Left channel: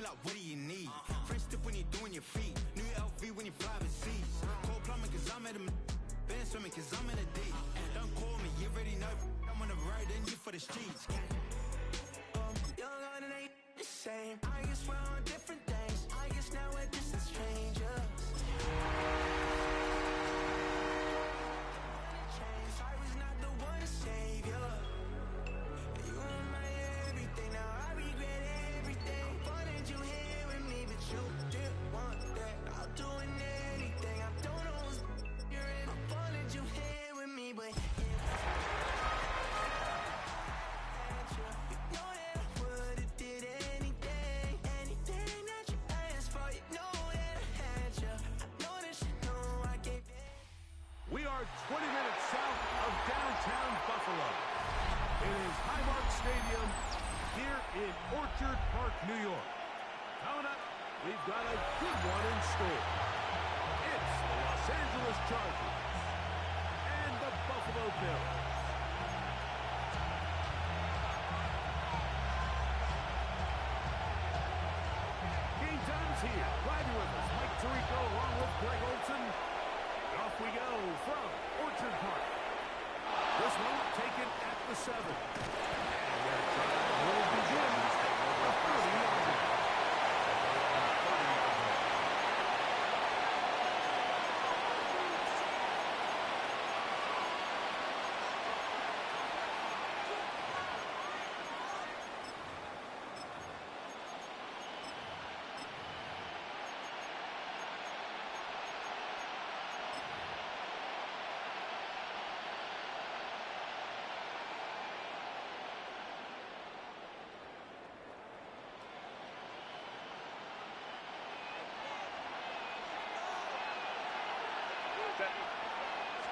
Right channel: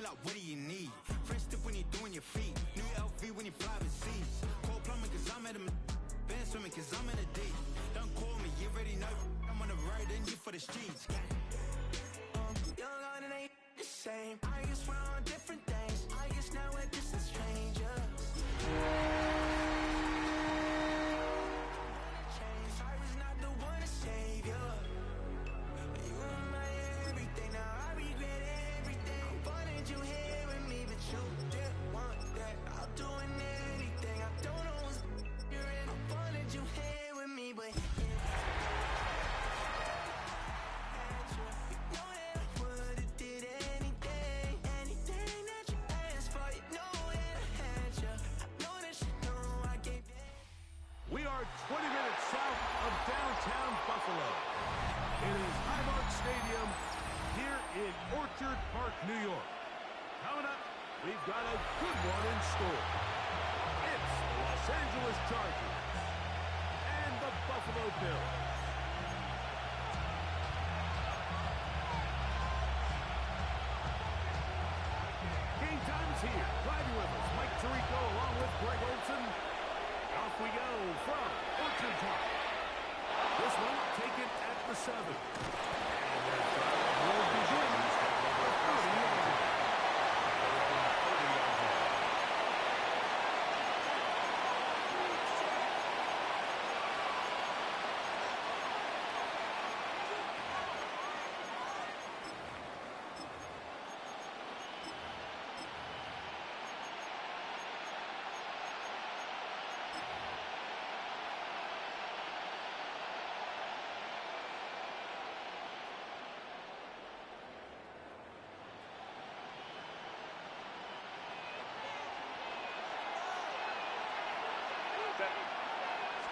me like, what do you need? Fresh tip when you're doing your feet. New LV when you fly overseas. Cold plumbing cause I'm at a been swimming cause I'm in a deep. Don't call me, you already know. I'm on the road and you for the streets. Young on and ain't the same. I guess we're on different things. I guess now we're distant strangers. Cause I was not the one to save you. You were my everything, now I regret everything. I wanted you here with me, but you didn't want that. I'll do anything, I don't know what's you're in. I wanted you here with me, but if you know that I would've did anything that you asked for. You know that I had you. I know that you know I gave it. We are 20 minutes south of downtown Buffalo. It is Highmark Stadium here in Orchard Park, New York. Coming up, we've got a good one in store. It's the Los Angeles Chargers and the Buffalo Bills. Game time's here. Glad you're with us. Mike Tirico along with Greg Olson. Off we go from Orchard Park. This one taken at the 7. And their drive will begin at over 30 yards.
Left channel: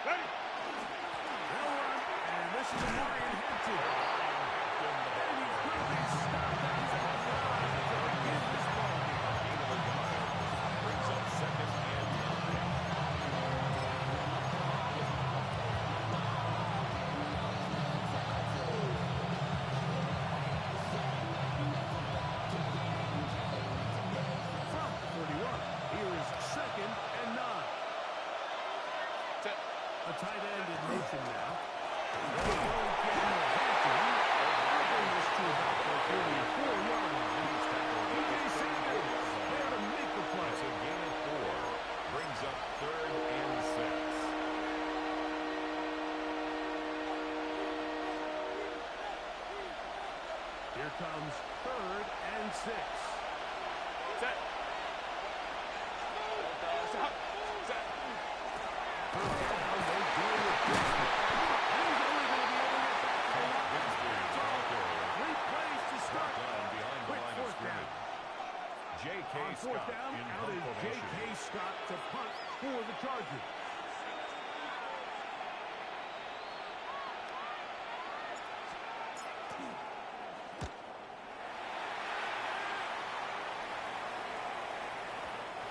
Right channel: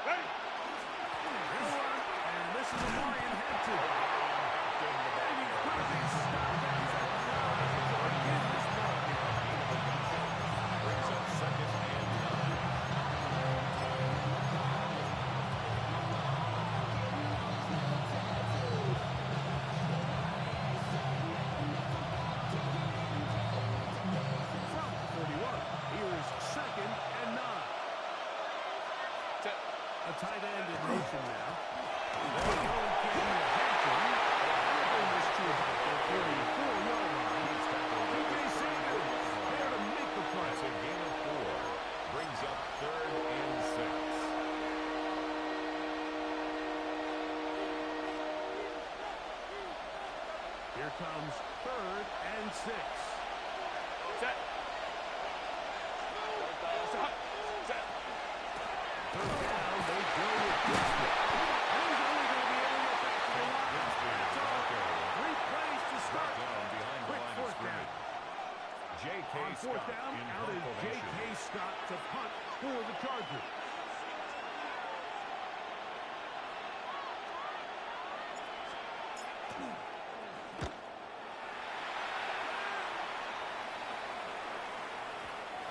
Ready. Real run, and this is Marion Hampton. And he's going to be stopped at the 9 to begin this ball game. Brings up 2nd and 9. From 31, here is 2nd and 9. A tight end in motion now. They go again with Hampton. They bring this to about the 34-yard line. DJ Sanders there to make the play. It's a gain of 4. Brings up 3rd and 6. Here comes 3rd and 6. Set. First down, they go with Gibson. And he's only going to be able to get back to the line. That's all. 3 plays to start. Behind the line of scrimmage. J.K. On 4th Scott down, in out is formation. J.K. Scott to punt for the Chargers.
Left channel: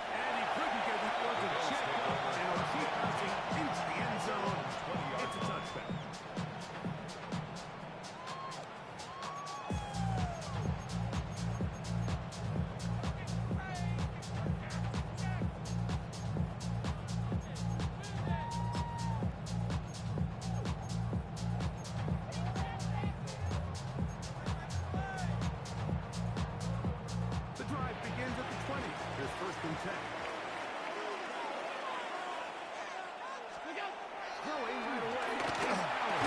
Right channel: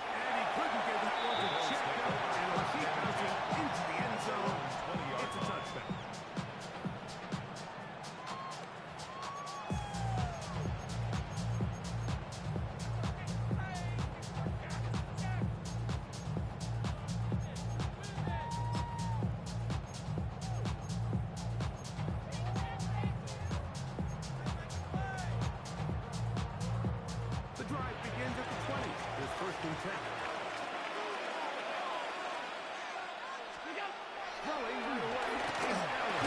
And he couldn't get the one to check up, and it'll keep bouncing into the end zone. It's a touchdown. The drive begins at the 20. Here's 1st and 10. Throwing right away is Allen.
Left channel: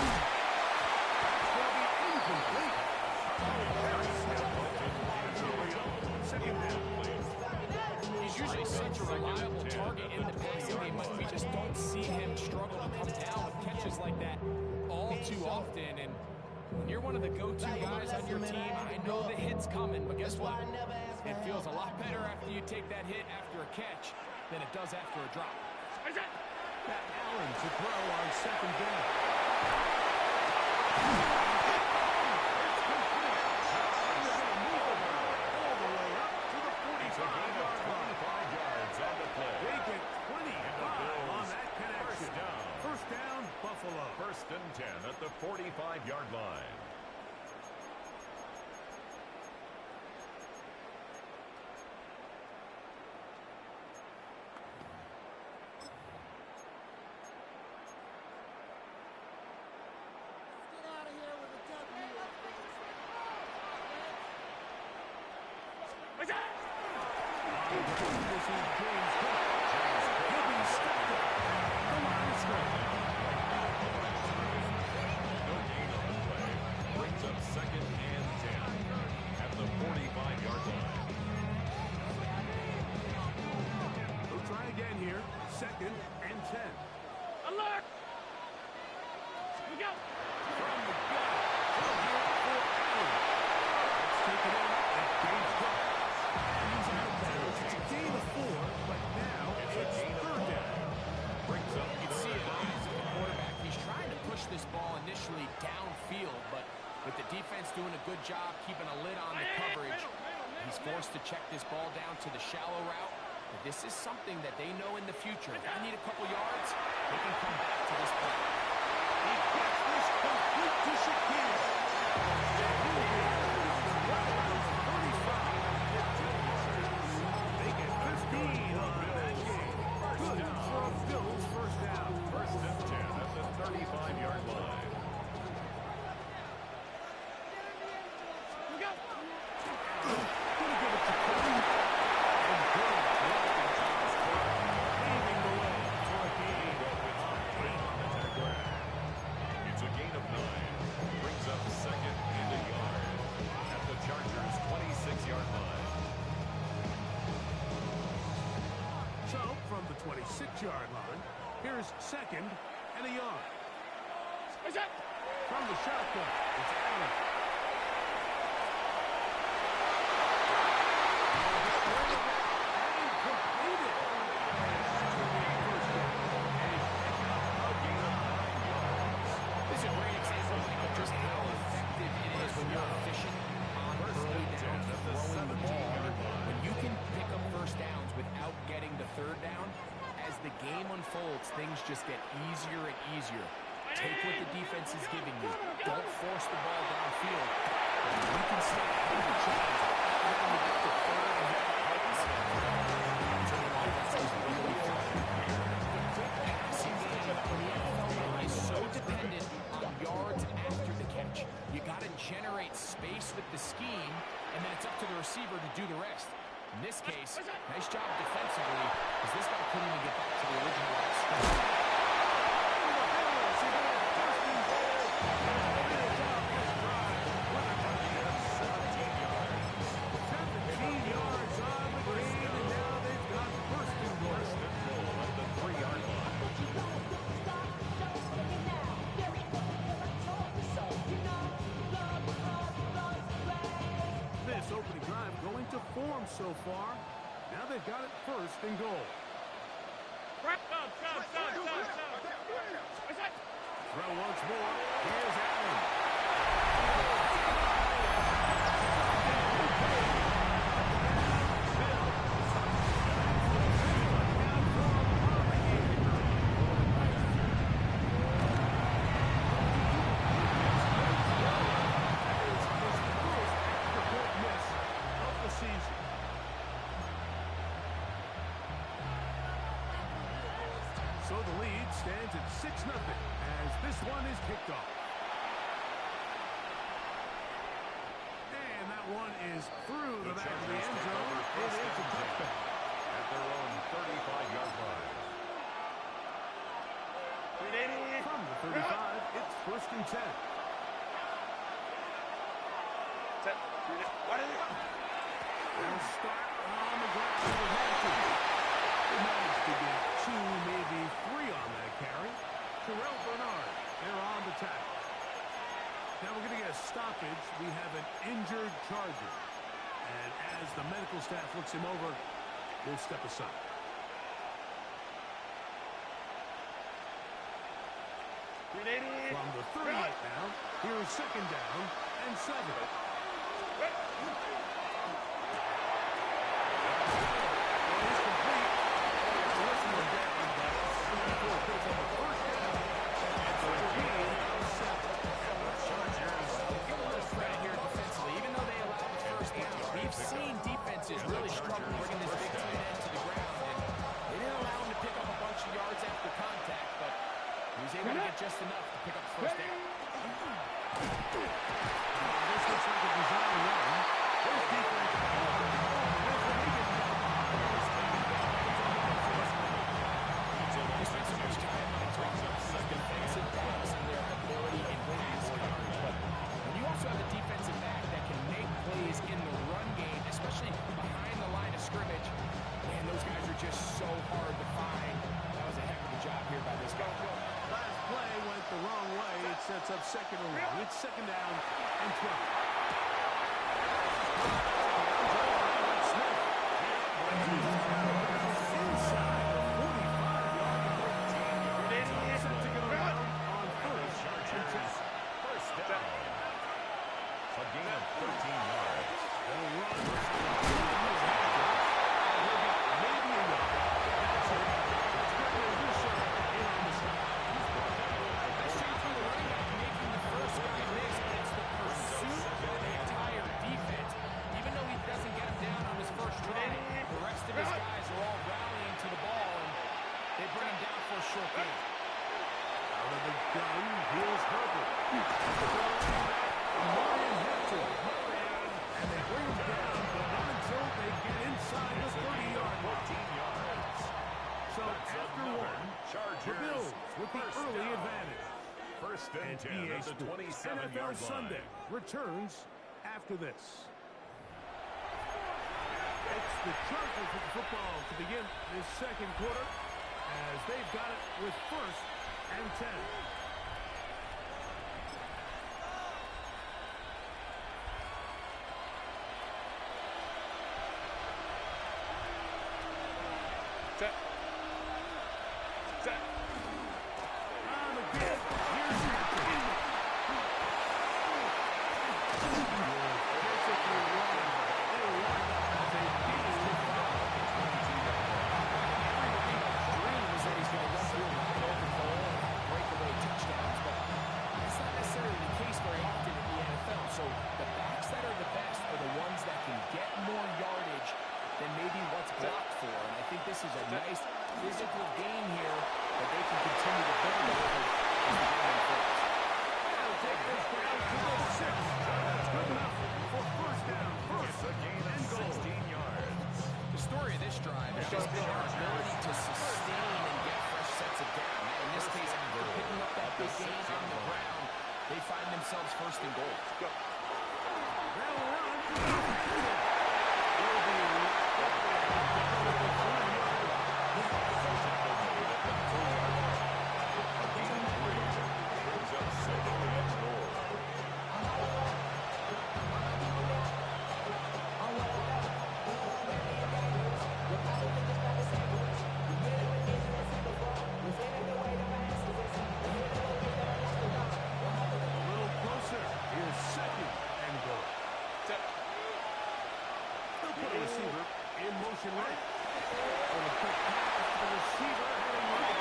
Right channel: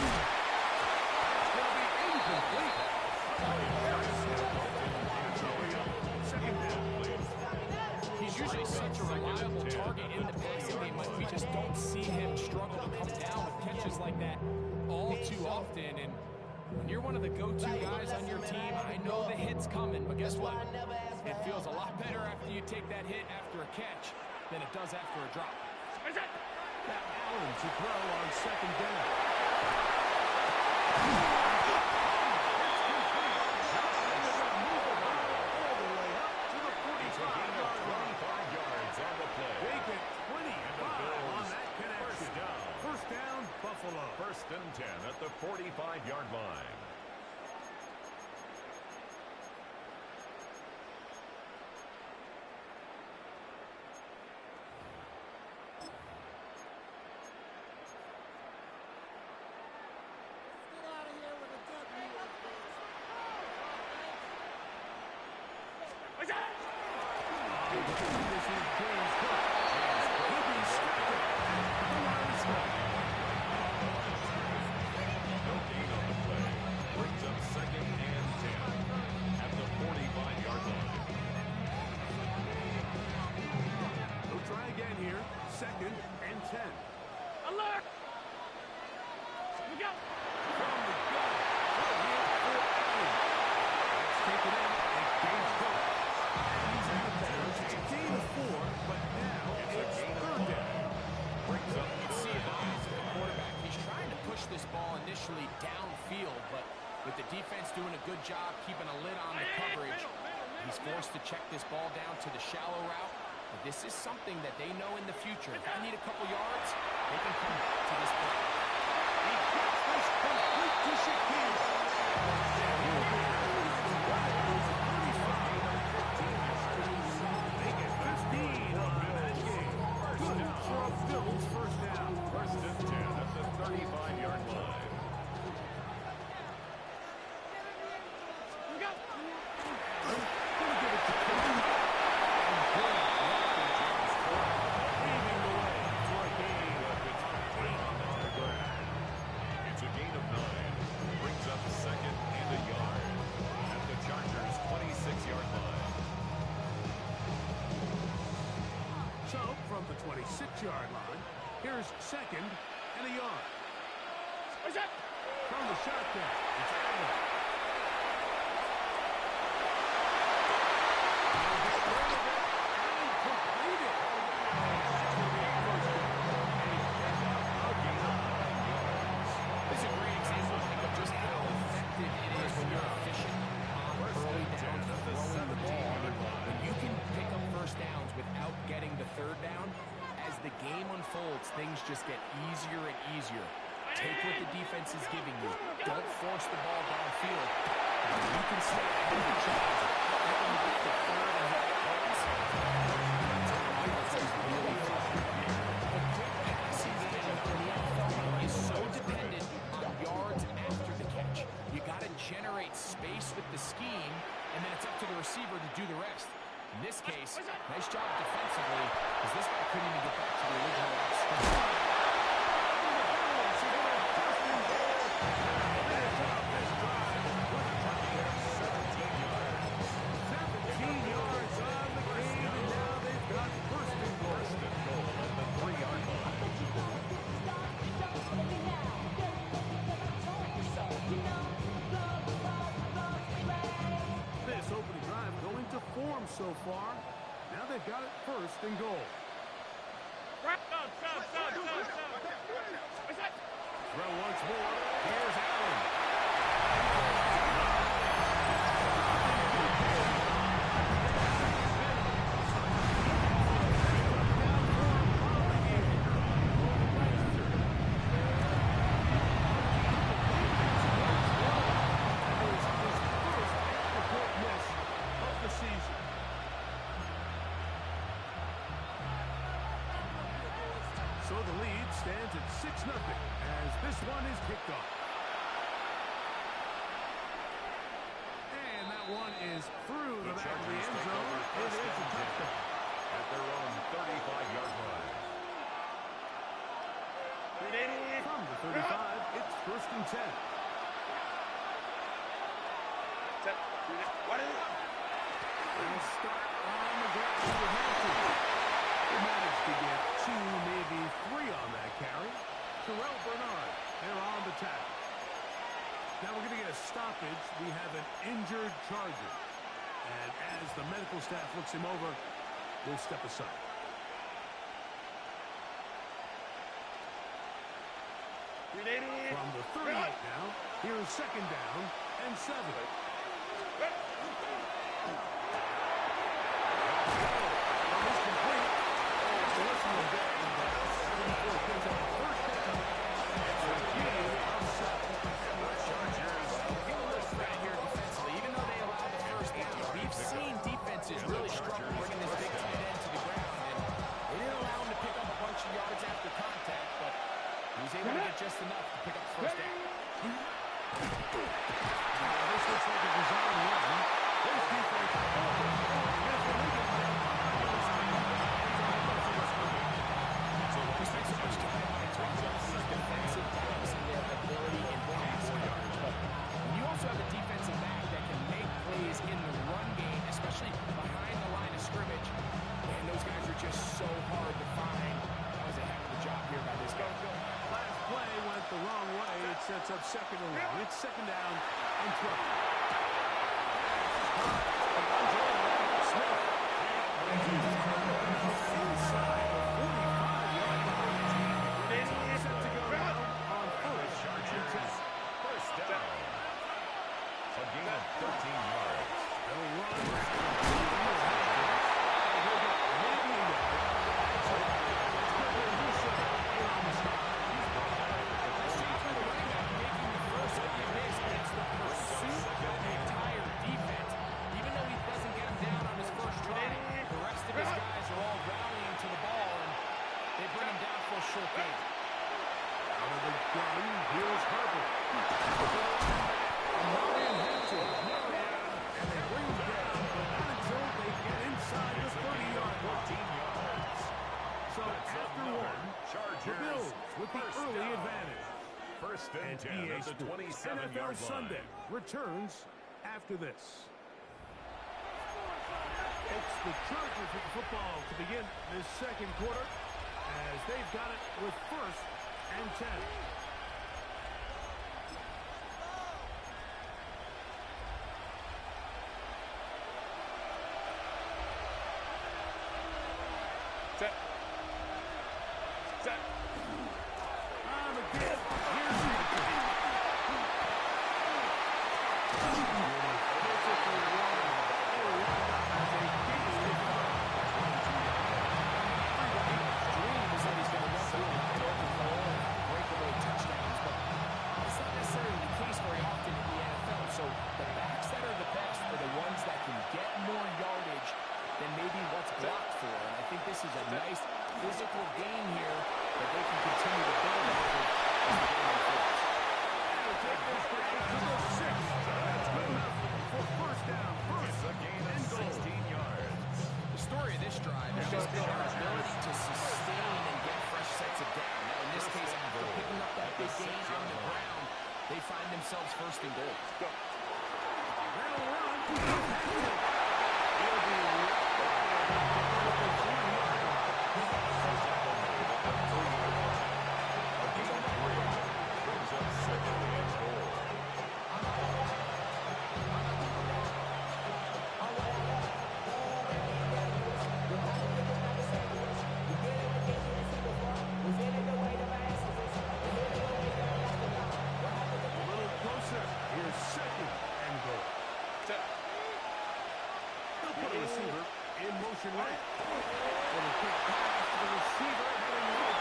It's going to be incomplete. Second down, please. He's usually such a reliable target in the passing game, but we just don't see him struggle to come down with catches like that all too often. And when you're one of the go-to guys on your team, I know the hit's coming, but guess what? It feels a lot better after you take that hit after a catch than it does after a drop. Got Allen to throw on 2nd down. It's complete. And they're going to move the ball all the way up to the 45-yard line. 25 yards on the play. They get 25 on that connection. First down, Buffalo. 1st and 10 at the 45-yard line. This is James Cook. He'll be stuck at the line of scrimmage. No gain on the play. Brings up 2nd and 10 at the 45-yard line. They'll try again here. 2nd and 10. Alert! We go! From the gun. Throw here for Allen. Let's take it in. It's James Cook. And he's out of bounds. It's a gain of 4, but now it's a gain of 3rd down. Brings up You can see in the eyes of the quarterback. He's trying to push this ball initially downfield, but with the defense doing a good job keeping a lid on the coverage, he's forced to check this ball down to the shallow route. But this is something that they know in the future. If I need a couple yards, they can come back to this play. He gets this complete to Shakir. And he'll be right around the 35. They get 15 on that game. Good for a Bills first down. 1st and 10 at the 35-yard line. We go! Gonna give it to Cook. And good blocking. James Cook paving the way for a gain of 8 on the ground. It's a gain of 9. Brings up 2nd and a yard at the Chargers' 26-yard line. So, from the 26-yard line, here's 2nd and a yard. What's that? From the shotgun, it's Allen. He'll get rid of it and complete it. That's going to be a first down. A pickup, a gain of 9 yards. This is a great example, Mike, of just how effective it is when you're efficient on early downs throwing the ball. When you can pick up first downs without getting to 3rd down, as the game unfolds, things just get easier and easier. Take what the defense is giving you. Don't force the ball downfield. You can stay ahead of the chains without having to get to 3rd and hit plays. That's when an offense is really fun. The quick passing game in the NFL is so dependent on yards after the catch. You got to generate space with the scheme, and then it's up to the receiver to do the rest. In this case, nice job defensively, because this guy couldn't even get back to the original line of scrimmage. Opening drive going to form so far. Now they've got it 1st and goal. Stop! What's that? Throw once more. Here's Allen. So the lead stands at 6-0 as this one is kicked off. And that one is through the back of the end zone. It is a touchdown. At their own 35-yard line. From the 35, it's 1st and 10. They'll start on the ground with Hampton. They managed to get 2, maybe 3 on that carry. Terrell Bernard, they're on the tackle. Now we're going to get a stoppage. We have an injured Charger. And as the medical staff looks him over, we'll step aside. From the 38 now, here's 2nd down and 7. Well, he's complete. Listen to that, but 74 picks up a 1st down. It's a gain of 7. And the Chargers We'll give a little credit here defensively. Even though they allowed the 1st down, we've seen defenses really struggle bringing this big tight end to the ground. And they didn't allow him to pick up a bunch of yards after contact, but he was able to get just enough to pick up the 1st down. This looks like a design run. This defense hard to find. That was a heck of a job here by this guy. Last play went the wrong way. It sets up second and long. It's second down and 12. Smith. Inside the 45-yard line. Set to go down on first and 10. First down. A gain of 13 yards. They'll run. And he'll get maybe a yard. That's it. That's Gregory Rousseau in on the stop. He's brought down at the Nice job by the running back making the first guy miss, but it's the pursuit by the entire defense. Even though he doesn't get him down on his first try, the rest of his guys are all rallying to the ball, and they bring him down for a short gain. Out of the gun, here's Herbert. Marion Hampton. And they bring him down, but not until they get inside the 30-yard line. 14 yards. So after one, the Bills with the early advantage. First and 10 EA at the Sports 27-yard NFL line. Sunday returns after this. It's the Chargers with the football to begin this second quarter as they've got it with first and 10. Set. Set. On the give. Here's Hampton. Basically wrong. They were lined up as a decent foul. Everybody's dream is that he's going to run through a wide open hole and breakaway touchdowns, but that's not necessarily the case very often in the NFL. So the backs that are the best are the ones that can get more yardage than maybe what's blocked for. And I think this is a nice physical gain here that they can continue to build off of as the game unfolds. They'll take this down to the 6. That's good enough for first down. First It's a gain of and goal. 16 yards. The story of this drive has just been their ability to sustain and get fresh sets of down. Now, in this case, after picking up that big gain on the ground, they find themselves first and goal. They'll run to the Hampton. He'll be right up there at the 3-yard line. Tackle made at the 3-yard line. A gain of 3 brings up second and goal. A little closer. Here's second and goal. Set. They'll put a receiver in motion right. Little quick pass to the receiver heading right.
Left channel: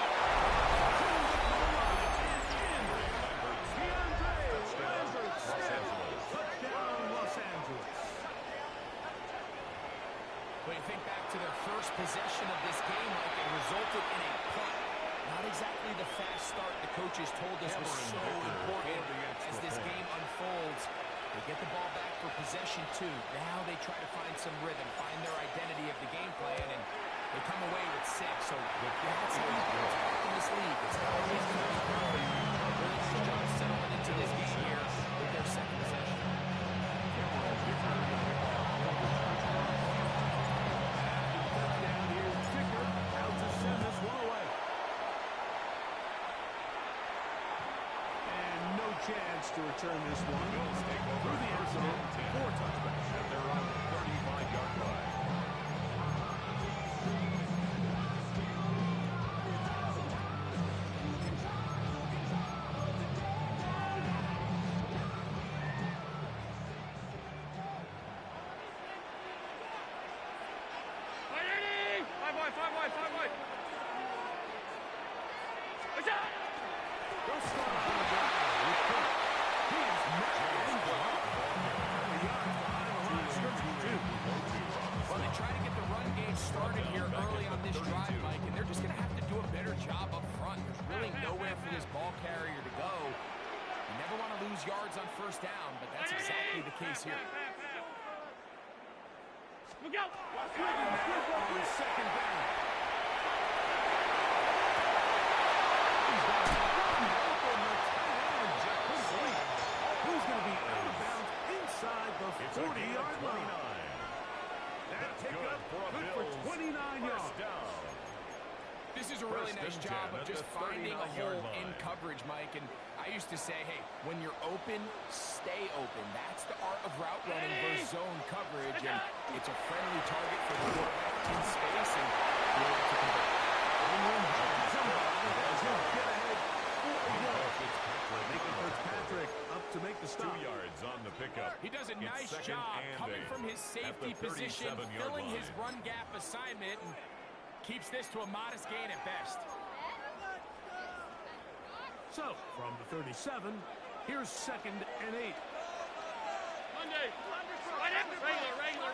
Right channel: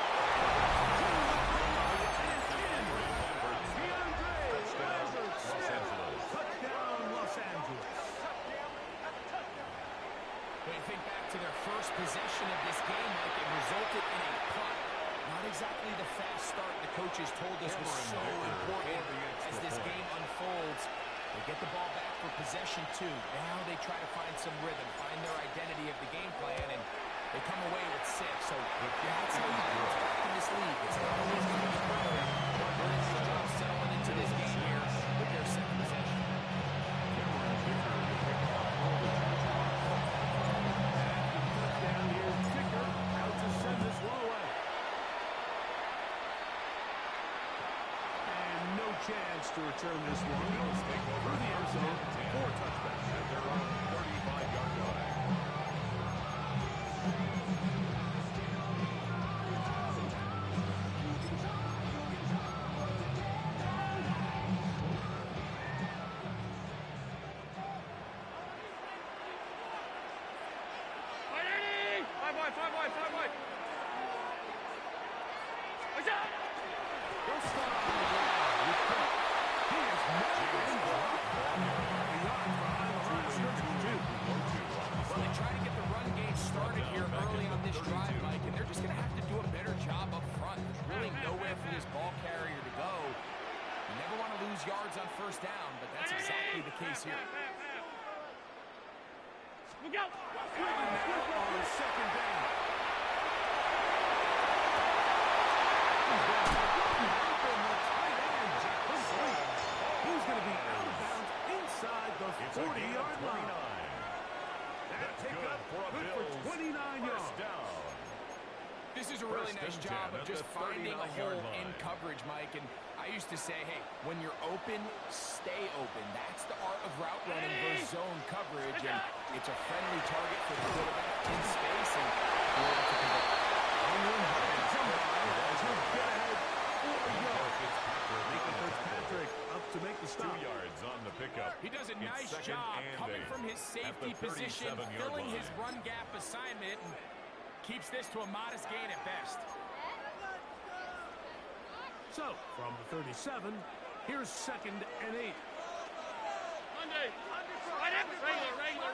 To the goal line and in. DeAndre Lambert Smith. Touchdown, Los Angeles. When you think back to their first possession of this game, Mike, it resulted in a punt. Not exactly the fast start the coaches told us was so important as this game unfolds. They get the ball back for possession 2. Now they try to find some rhythm, find their identity of the game plan, and they come away with 6. So that's how you bounce back in this league. It's not always going to be perfect. Really nice job settling into this game here with their second possession. Touchdown. Here's Dicker out to send this one away. And no chance to return this one. Bills take over Through the end first zone, and 10 4 touchdowns. at their own 35-yard line. Five wide. Set. They'll start on the drive with Cook. He is met and blocked. Couple yards behind the line of scrimmage, too. Well, they try to get the run game started here early on this drive, Mike, and they're just going to have to do a better job up front. There's really nowhere for this ball carrier to go. You never want to lose yards on first down, but that's exactly the case here. Look out! Cleveland now on second down. He's got one open, the tight end, complete. He's going to be out of bounds inside the 40-yard line. That That's pickup good for a good for Bills 29 yards. first down. This is a really nice job of just finding a hole in coverage, Mike. And I used to say, hey, when you're open, stay open. That's the art of route running versus zone coverage. And it's a friendly target for the quarterback in space, and you're able to convert. As he'll get ahead for a yard. Making Fitzpatrick up to make the stop. 2 yards on the pickup. He does a nice job coming from his safety position, filling his run gap assignment, and keeps this to a modest gain at best. So, from the 37, here's 2nd and 8. Monday. Regular.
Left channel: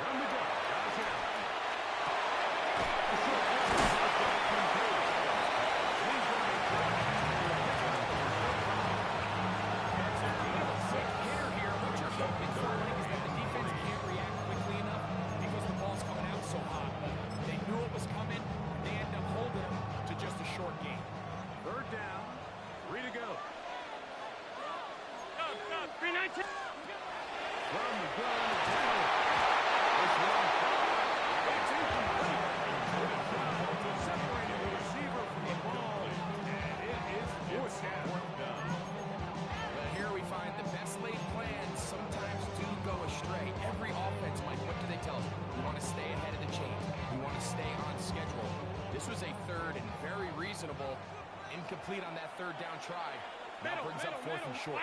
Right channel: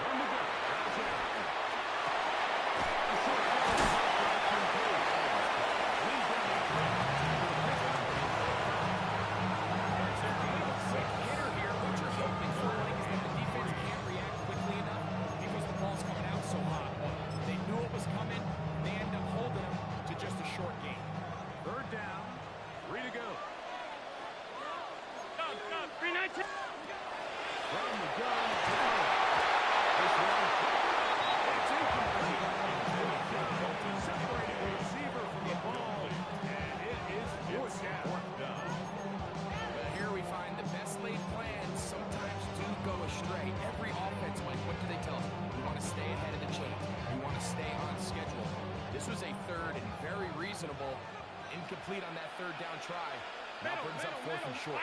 From the gun, Josh Allen. A short yard blocked by Kincaid. He's going to be dropped. That's a quick hitter here. What you're hoping for, Mike, is that the defense can't react quickly enough because the ball's coming out so hot. But they knew it was coming, and they end up holding them to just a short gain. 3rd down, 3 to go. Go. 3-19. From the gun, Allen. This one, it's incomplete. Separating the receiver from the ball, and it is 4th down. Well, here we find the best laid plans sometimes do go astray. Every offense, Mike, what do they tell us? We want to stay ahead of the chain. We want to stay on schedule. This was a 3rd and very reasonable. Incomplete on that 3rd down try. Now brings up 4th and short.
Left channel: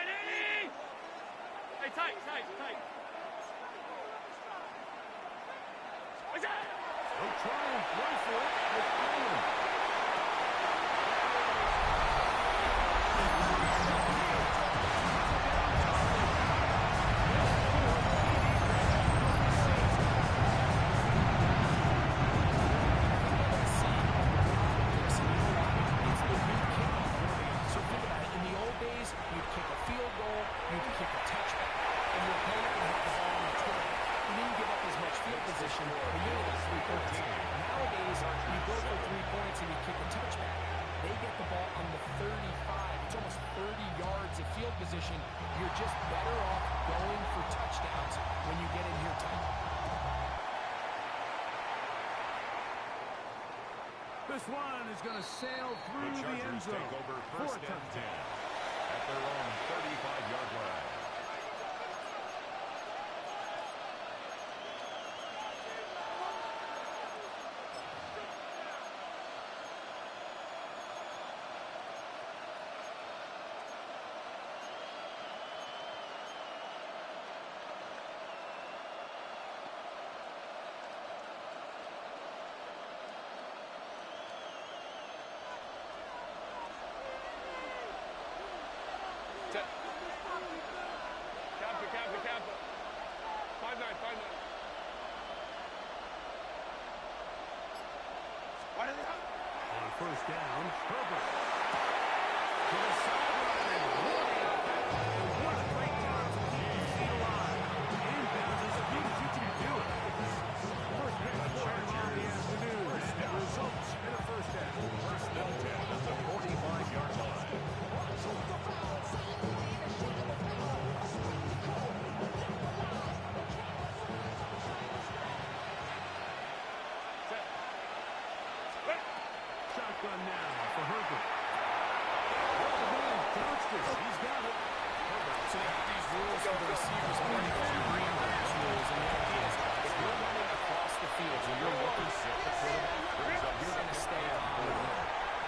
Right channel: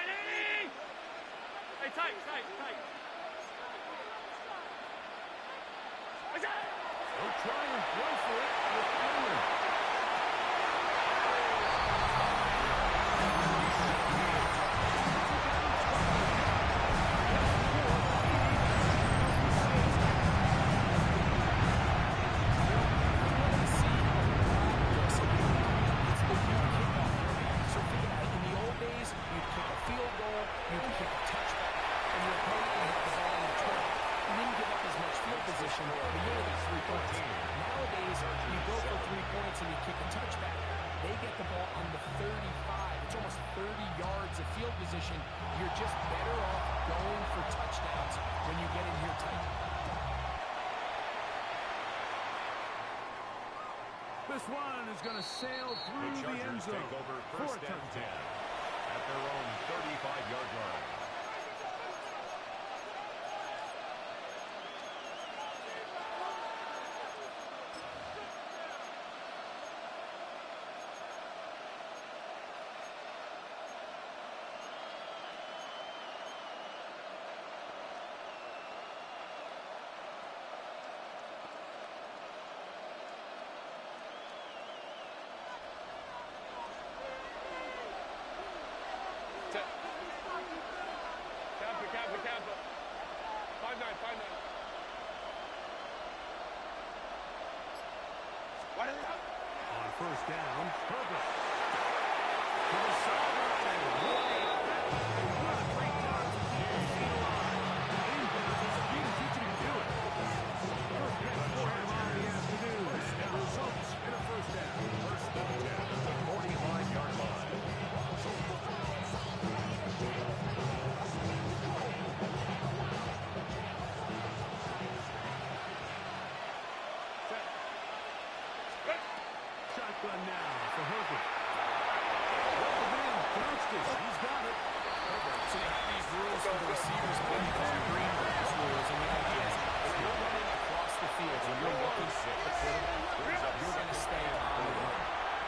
Hey, tight. He'll try and throw for it with Allen. You'd kick a field goal, you'd kick a touchback, and your opponent would have the ball in the 20. You didn't give up as much field position, but you only got 3 points. Nowadays, you go for 3 points and you kick a touchback. They get the ball on the 35. It's almost 30 yards of field position. You're just better off going for touchdowns when you get in here tight. This one is going to sail through the end zone. Take over 1st and 10 at their own 35-yard line. Kappa. 5-9. On 1st down, Herbert. To the sideline. And what a great job to keep the field alive. Inbounds as few as you can do it. First pitch for him on the afternoon. And it results in a 1st down. 1st and 10 at the 45-yard line. Shotgun now for Herbert. Well, the man bounced it. He's got it. Herbert. So they have these rules for the receivers playing called green rules, and the idea is if you're running across the field and you're looking at the quarterback, you're going to stay on the run.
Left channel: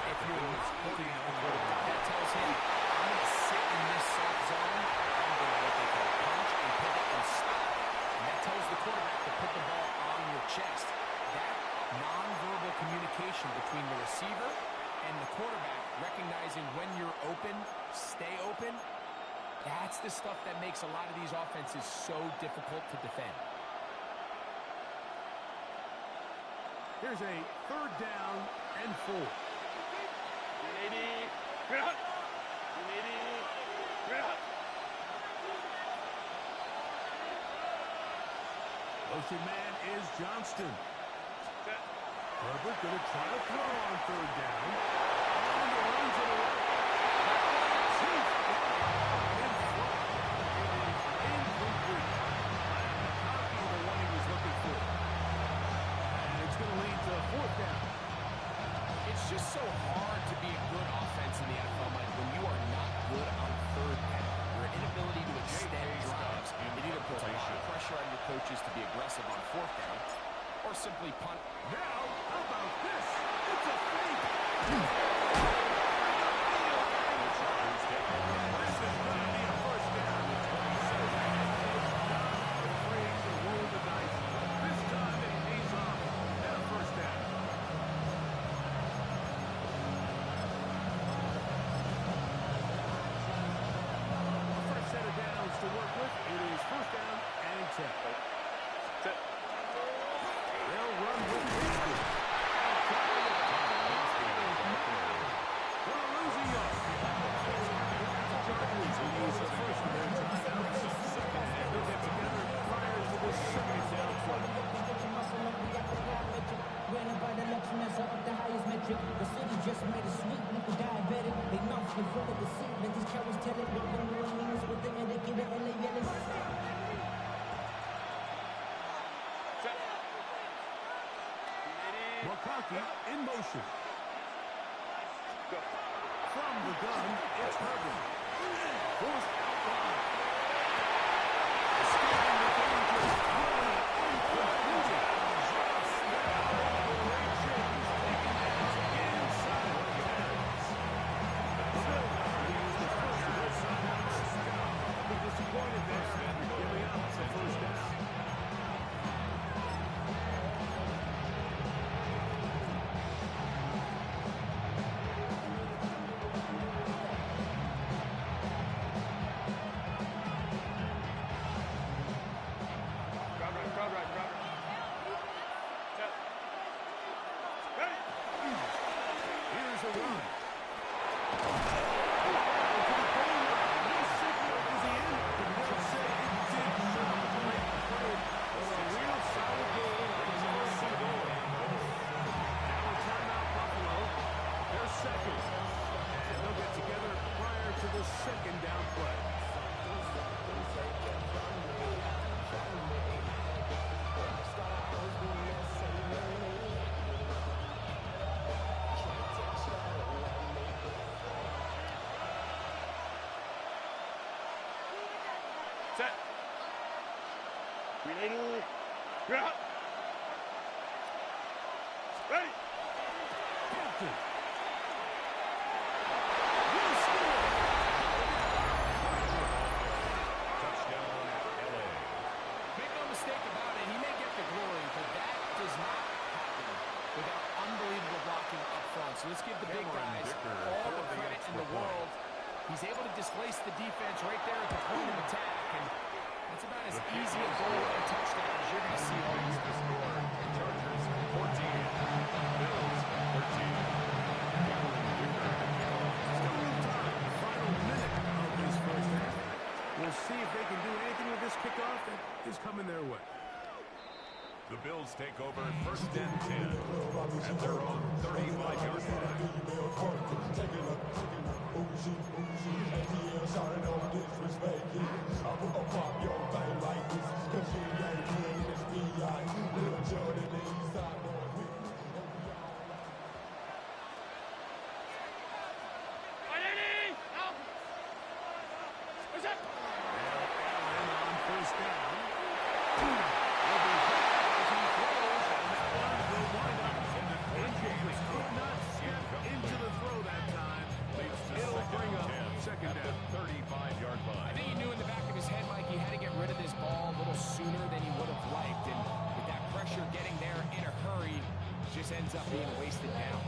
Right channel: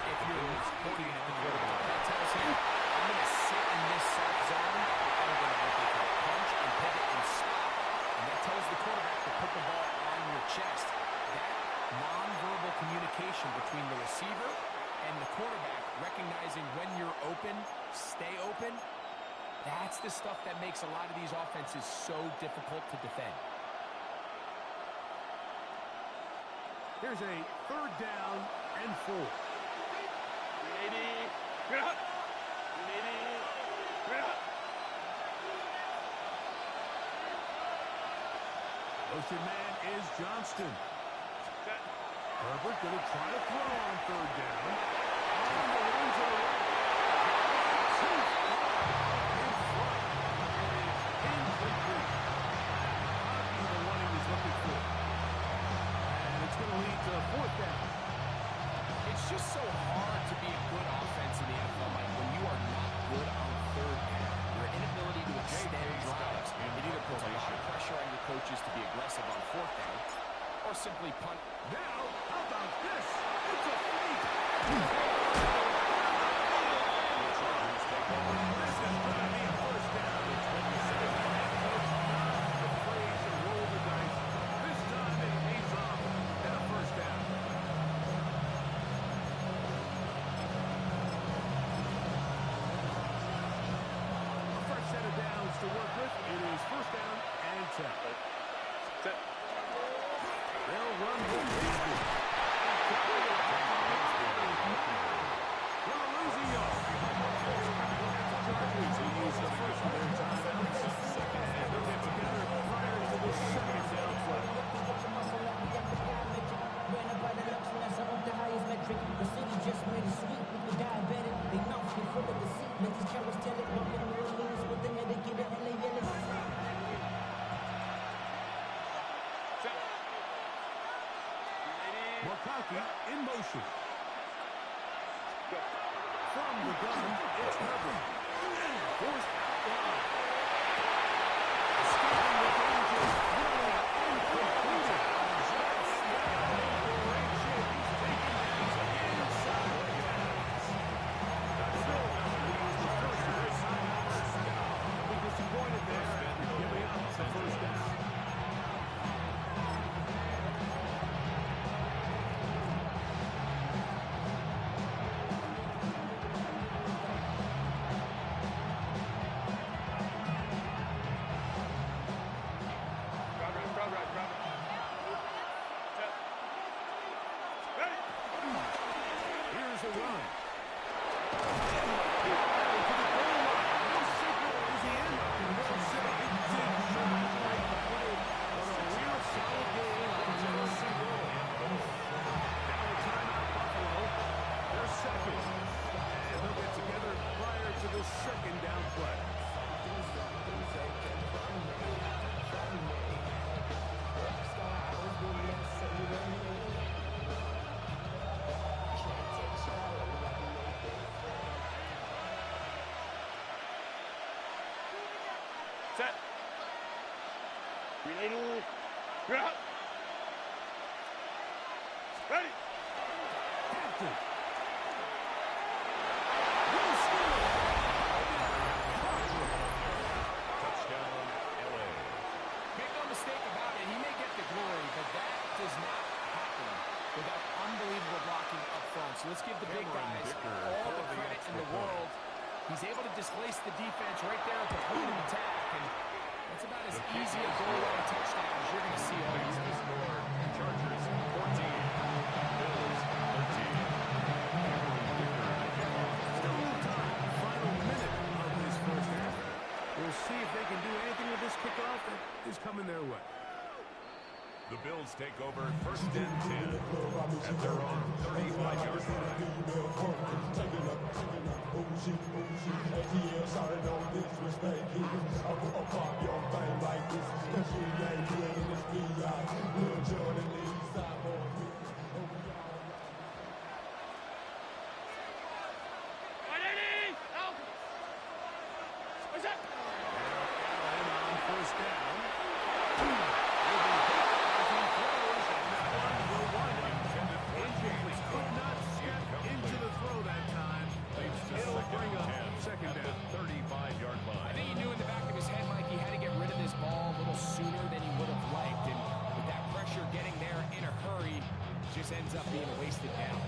If you're not looking at the quarterback, that tells him, I'm going to sit in this soft zone, I'm going to what they call punch and pivot and stop, and that tells the quarterback to put the ball on your chest. That nonverbal communication between the receiver and the quarterback, recognizing when you're open, stay open, that's the stuff that makes a lot of these offenses so difficult to defend. Here's a 3rd down and 4. Motion man is Johnston. Herbert going to try to throw on 3rd down. On the run to the right. Too far in front. It is incomplete. McConkey, the one he was looking for. And it's going to lead to 4th so hard to be a good offense in the NFL, Mike, when you are not good on third down. Your inability to extend drives. It either puts a lot of pressure on your coaches to be aggressive on fourth down or simply punt. Now, how about this? It's a fake. The Chargers take over. This is going to be a first down. The 27. Head coach not afraid to roll the dice. This time it pays off and a first down. A fresh set of downs to work with. It is first down and 10. Set. They'll run with Bigsby. Well, losing yard. Chargers will use the first of their timeouts. And they'll get together prior to the second down play. By the luxury, that's up the highest metric. The city just made a sweet, look a diabetic. They mouth get full of deceit. Let these cowards tell it. Look in New Orleans with the indicator, LA yelling. McConkey in motion. From the gun, it's Herbert. Forced out wide. Escaping the danger, throwing and completing. Great shape. He's taken down inside the 10s. The Bills will use the first of their timeouts. They'll be disappointed there after giving up the first down. Here's a run. To the goal line. No signal. Is he in? And they'll say it did not break the play. But a real solid gain on his first and goal. Now a timeout, Buffalo. They're second. And they'll get together prior to the second down play. Set. Ready. You're out. Ready. Hampton. Will score. Touchdown, LA. Make no mistake about it, he may get the glory, but that does not happen without unbelievable blocking up front. So let's give the big Cameron guys Dicker all for the the credit in extra the point. world. He's able to displace the defense right there at the point of attack, and that's about as The kick easy a is goal good. line touchdown as you're going to see all Makes year. the score. Chargers 14. Bills 13. Cameron Dicker to kick off. Still a little time. Final minute of this first half. We'll see if they can do anything with this kickoff that is coming their way. The Bills take over first and 10 at their own 35-yard line. Ready. Out. What's that? Now Allen on first down. Will be hit as he throws, and that one will wind up Intended for incomplete. James Could not step Incomplete. into the throw that time. Leads to It'll second bring and up 10 second at down. the 35-yard I line. think he knew in the back of his head, Mike, he had to get rid of this ball a little sooner than he would have liked. And with that pressure getting there in a hurry, just ends up being wasted down.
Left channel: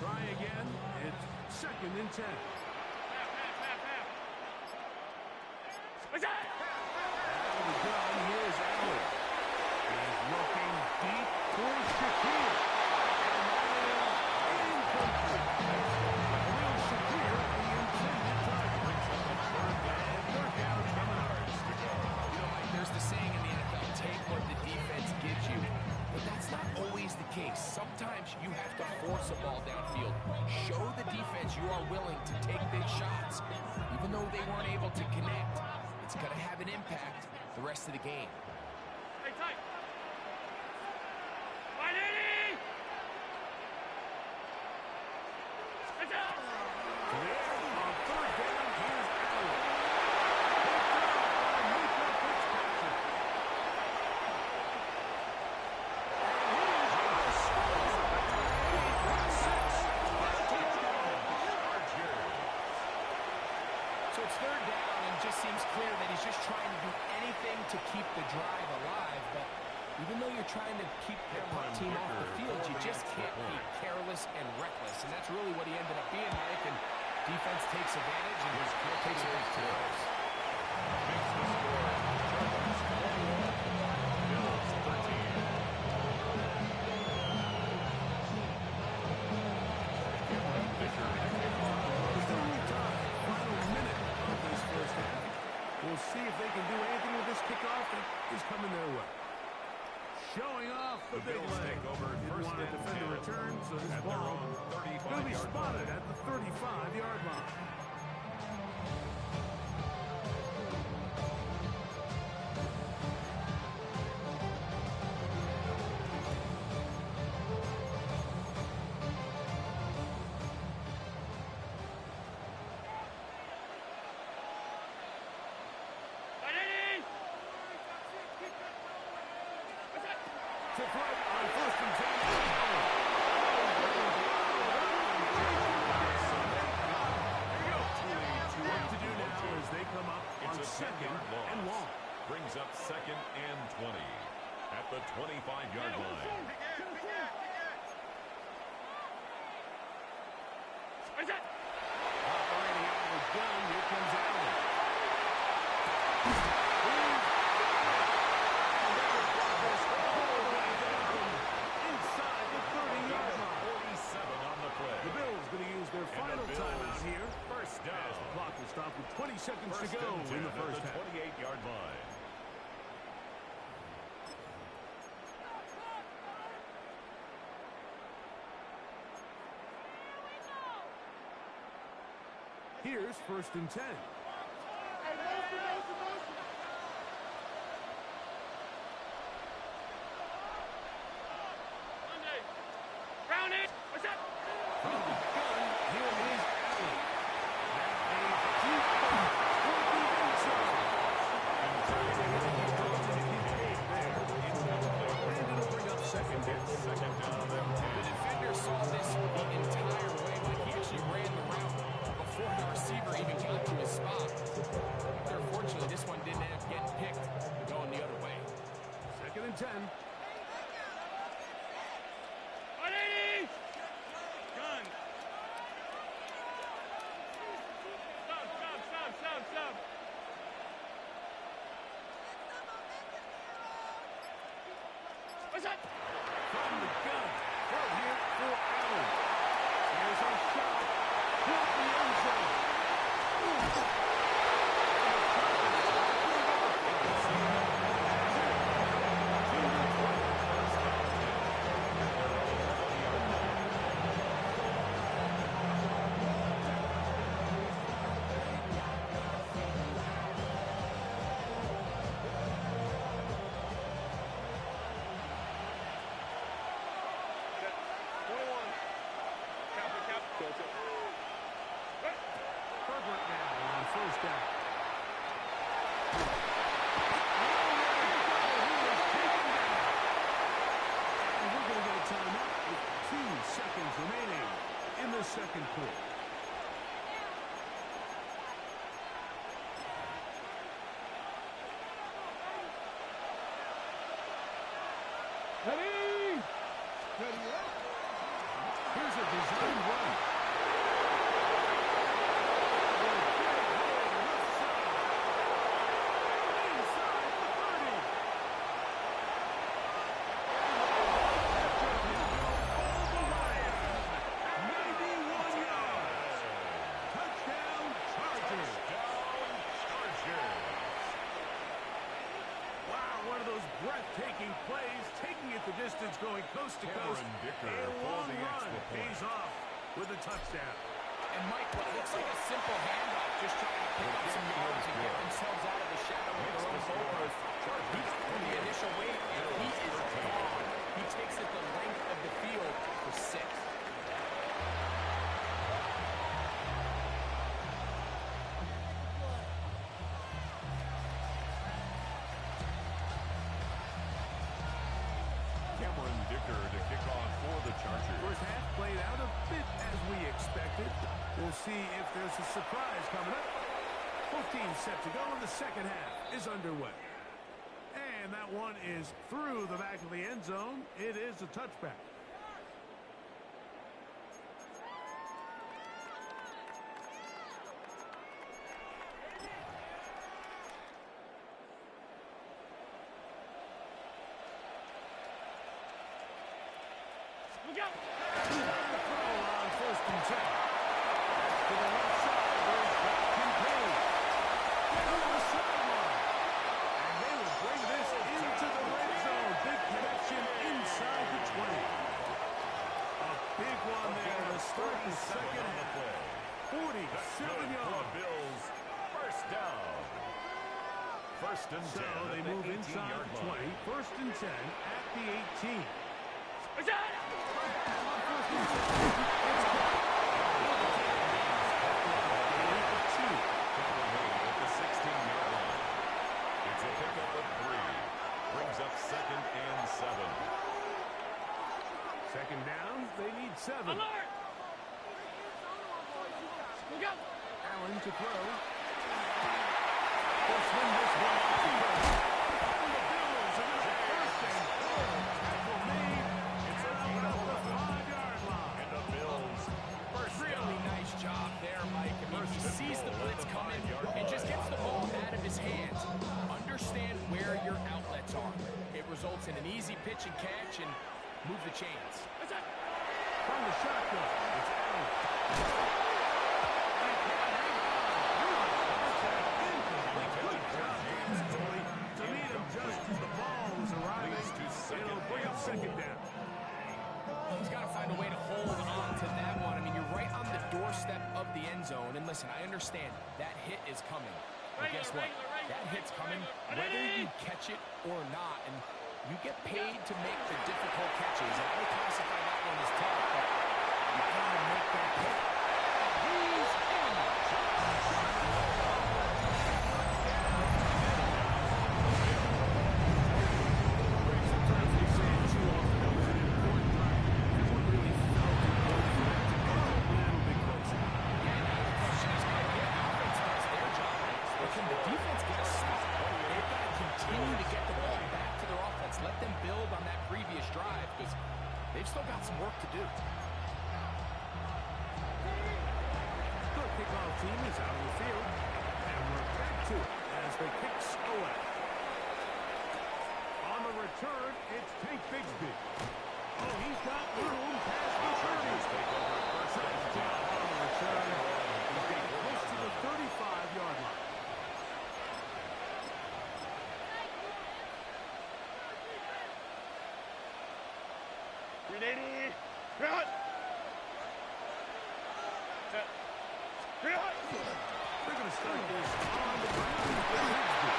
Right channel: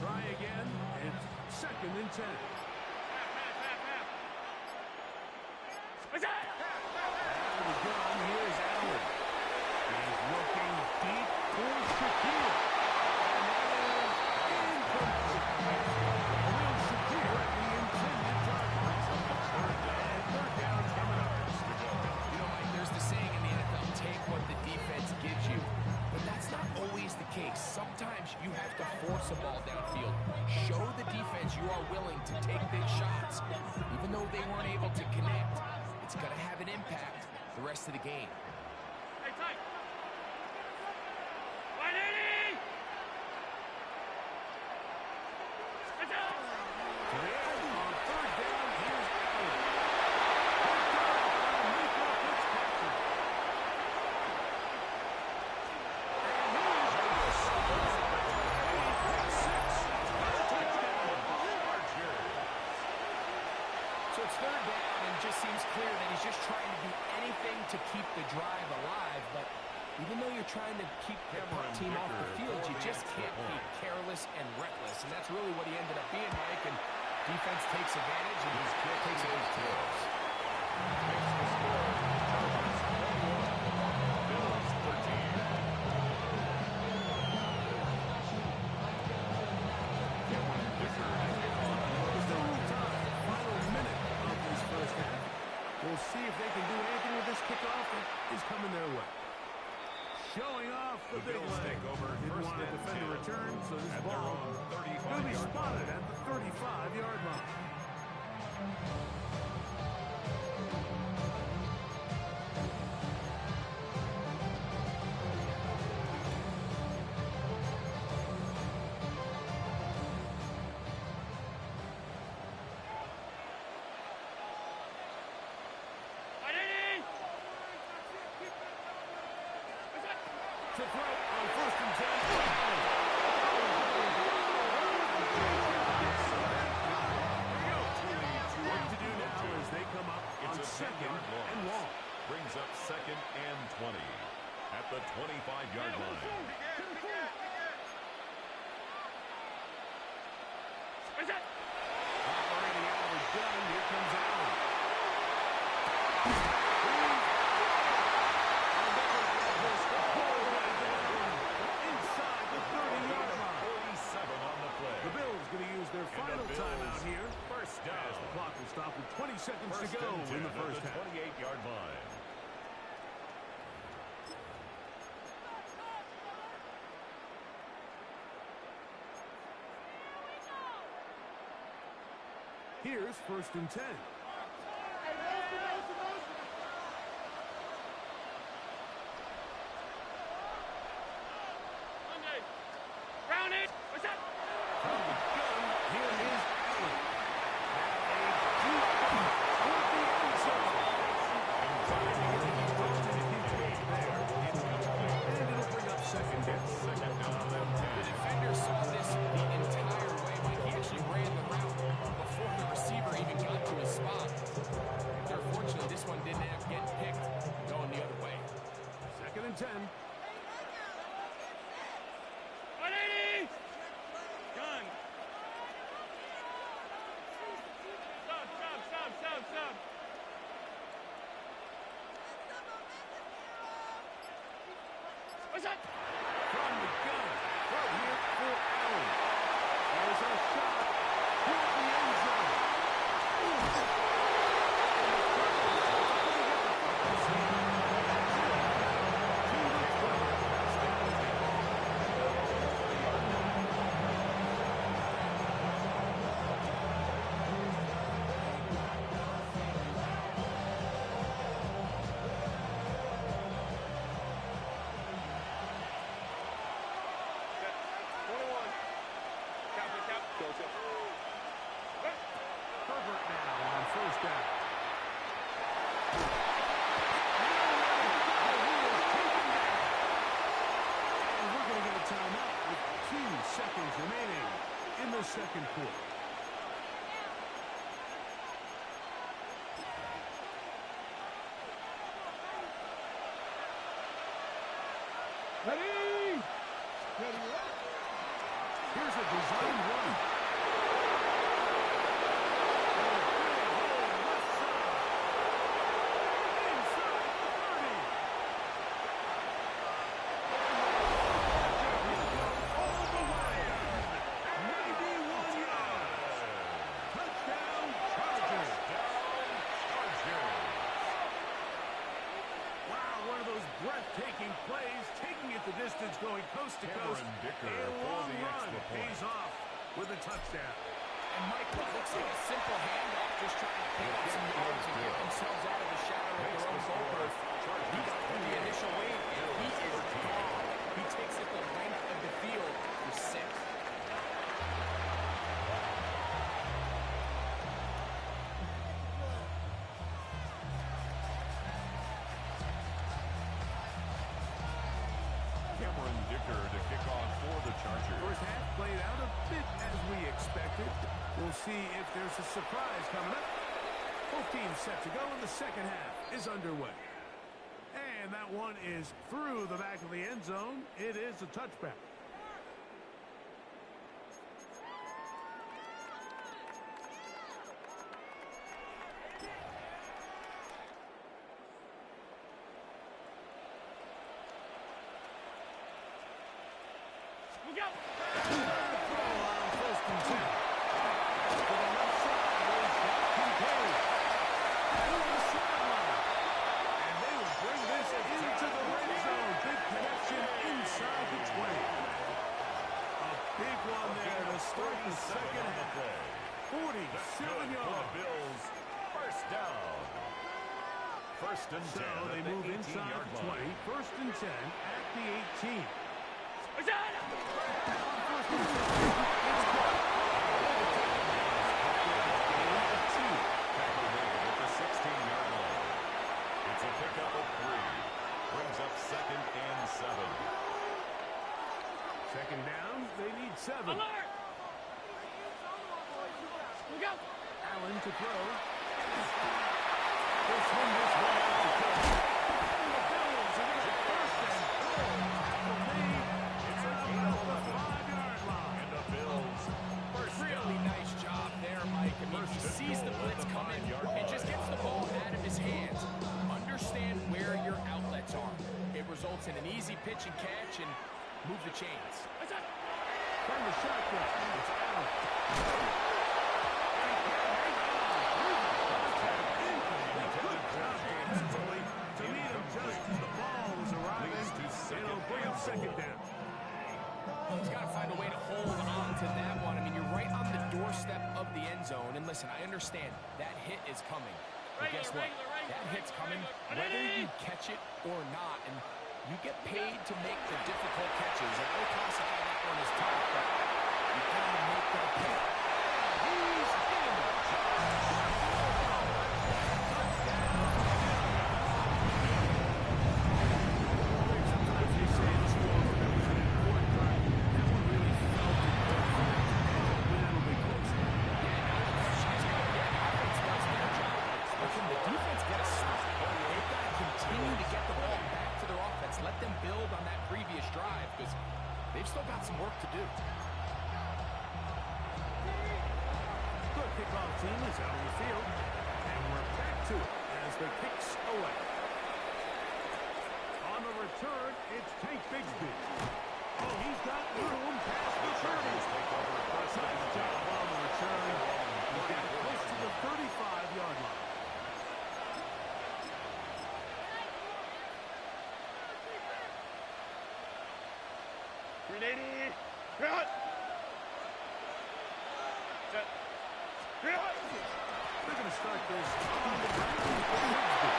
Try again. It's second and 10. Half. What's that? Out of the gun, here's Allen. He's looking deep for Shakir. And that is incomplete. Will Shakir, the intended target. Brings up the third down. And third down's coming up. To go. You know, Mike, there's the saying in the NFL, take what the defense gives you. But that's not always the case. Sometimes times you have to force a ball downfield. Show the defense you are willing to take big shots. Even though they weren't able to connect, it's going to have an impact the rest of the game. Hey, tight. 180! It's out! To the air on third down, here's Allen. Picked up by Mika Fitzpatrick. And he is going to score. 8-6 for a touchdown. So it's third down, and just seems clear that he's just trying to do anything to keep the drive alive. But even though you're trying to keep the team off the field, you just can't be careless and reckless. And that's really what he ended up being, Mike. And defense takes advantage and takes it back to us. Makes the score. Chargers 21, Bills 13. Cameron Dicker to kick off. There's no real time. Final minute of this first half. We'll see if they can do anything with this kickoff that is coming their way. Showing off the big Bills leg. take over Didn't first want to and defend the 10 return, so this at their ball own going to be 35-yard spotted line. at the 35-yard line. To throw on first and 10. What to do now as they come up on It's a second 10-yard loss. and long. Brings up second and 20 at the 25-yard line. Operating out of the gun. Here comes Allen. Inside the 30-yard line. 47 on the play. The Bills going to use their final Bills timeout here. first down. As the clock will stop with 20 seconds First to go and 10 in the first at the half. 28-yard line. Here's first and 10. Round it! What's up? From the gun, here is Allen. Now a deep ball toward the end zone. And it'll bring up second down. Second down and 10. The defender saw this the entire way, Mike. He actually ran the route before the receiver even got to his spot. Unfortunately, this one didn't end up getting picked and going the other way. Second and 10. 180! Gun! Stop! What's up? From the gun. Throw here for Allen. There's a shot toward the end zone. Herbert now on first down. Nowhere to go. He is taken down. And we're going to get a timeout with 2 seconds remaining in the second quarter. Ready? Here's a design run. breathtaking plays, taking it the distance, going coast to coast. A long run pays off with a touchdown. And Mike, what looks like a simple handoff, just trying to pick up some yards and get themselves out of the shadow of their own goalpost. He got through the initial wave, and he is gone. He takes it the length of the field for 6. To kick off for the Chargers. First half played out a bit as we expected. We'll see if there's a surprise coming up. Both teams set to go, and the second half is underway. And that one is through the back of the end zone. It is a touchback. We go. Throw on first and 10. To the left side, there's Doc Kincaid. Down on the sideline. And they will bring this into the red zone. Big connection inside the 20. A big one there to start the second half. 47 yards. Bills, first down. First and 10. So they move inside the 20. First and 10 at the 18. What's that? On first and 10, it's caught. Gain of 2. Tackle made at the 16-yard line. It's a pickup of 3. Brings up second and 7. Second down, they need 7. Alert! We go. Allen to throw. They'll swing this one out to go. And the Bills are going to first and goal. Tackle made. It's a gain of 11. 5-yard line. And the Bills first Really nice job there, Mike. I mean, he sees the blitz coming and just gets the ball out of his hands. Understand where your outlets are. It results in an easy pitch and catch and move the chains. What's that? From the shotgun, it's Allen. And he can't hang on through the contact. Incomplete. Good job defensively to meet him just as the ball was arriving. It'll bring up second down. He's got to find a way to hold on to that one. I mean, you're right on the doorstep of the end zone. And listen, I understand that hit is coming. But guess what? That hit's coming whether you catch it or not. And you get paid to make the difficult catches. And I would classify that one as tough, but you got to make that hit. He's in. Greg, sometimes we say it too often. That was an important drive. That one really felt important for them to edge a little bit closer. Yeah, now the question is, Mike, yeah, the offense does their job. But can the defense get a stop? They've got to continue to get the ball back to their offense. Let them build on that previous drive because they've still got some work to do. The kickoff team is out on the field, and we're back to it as the kicks away. On the return, it's Tank Bigsby. Oh, he's got room past the 30. Take over first and Nice 10. job on the return. He's got close to the 35-yard line. Grenade. Cut. Set. Cut. They're going to start this on the ground with Bigsby.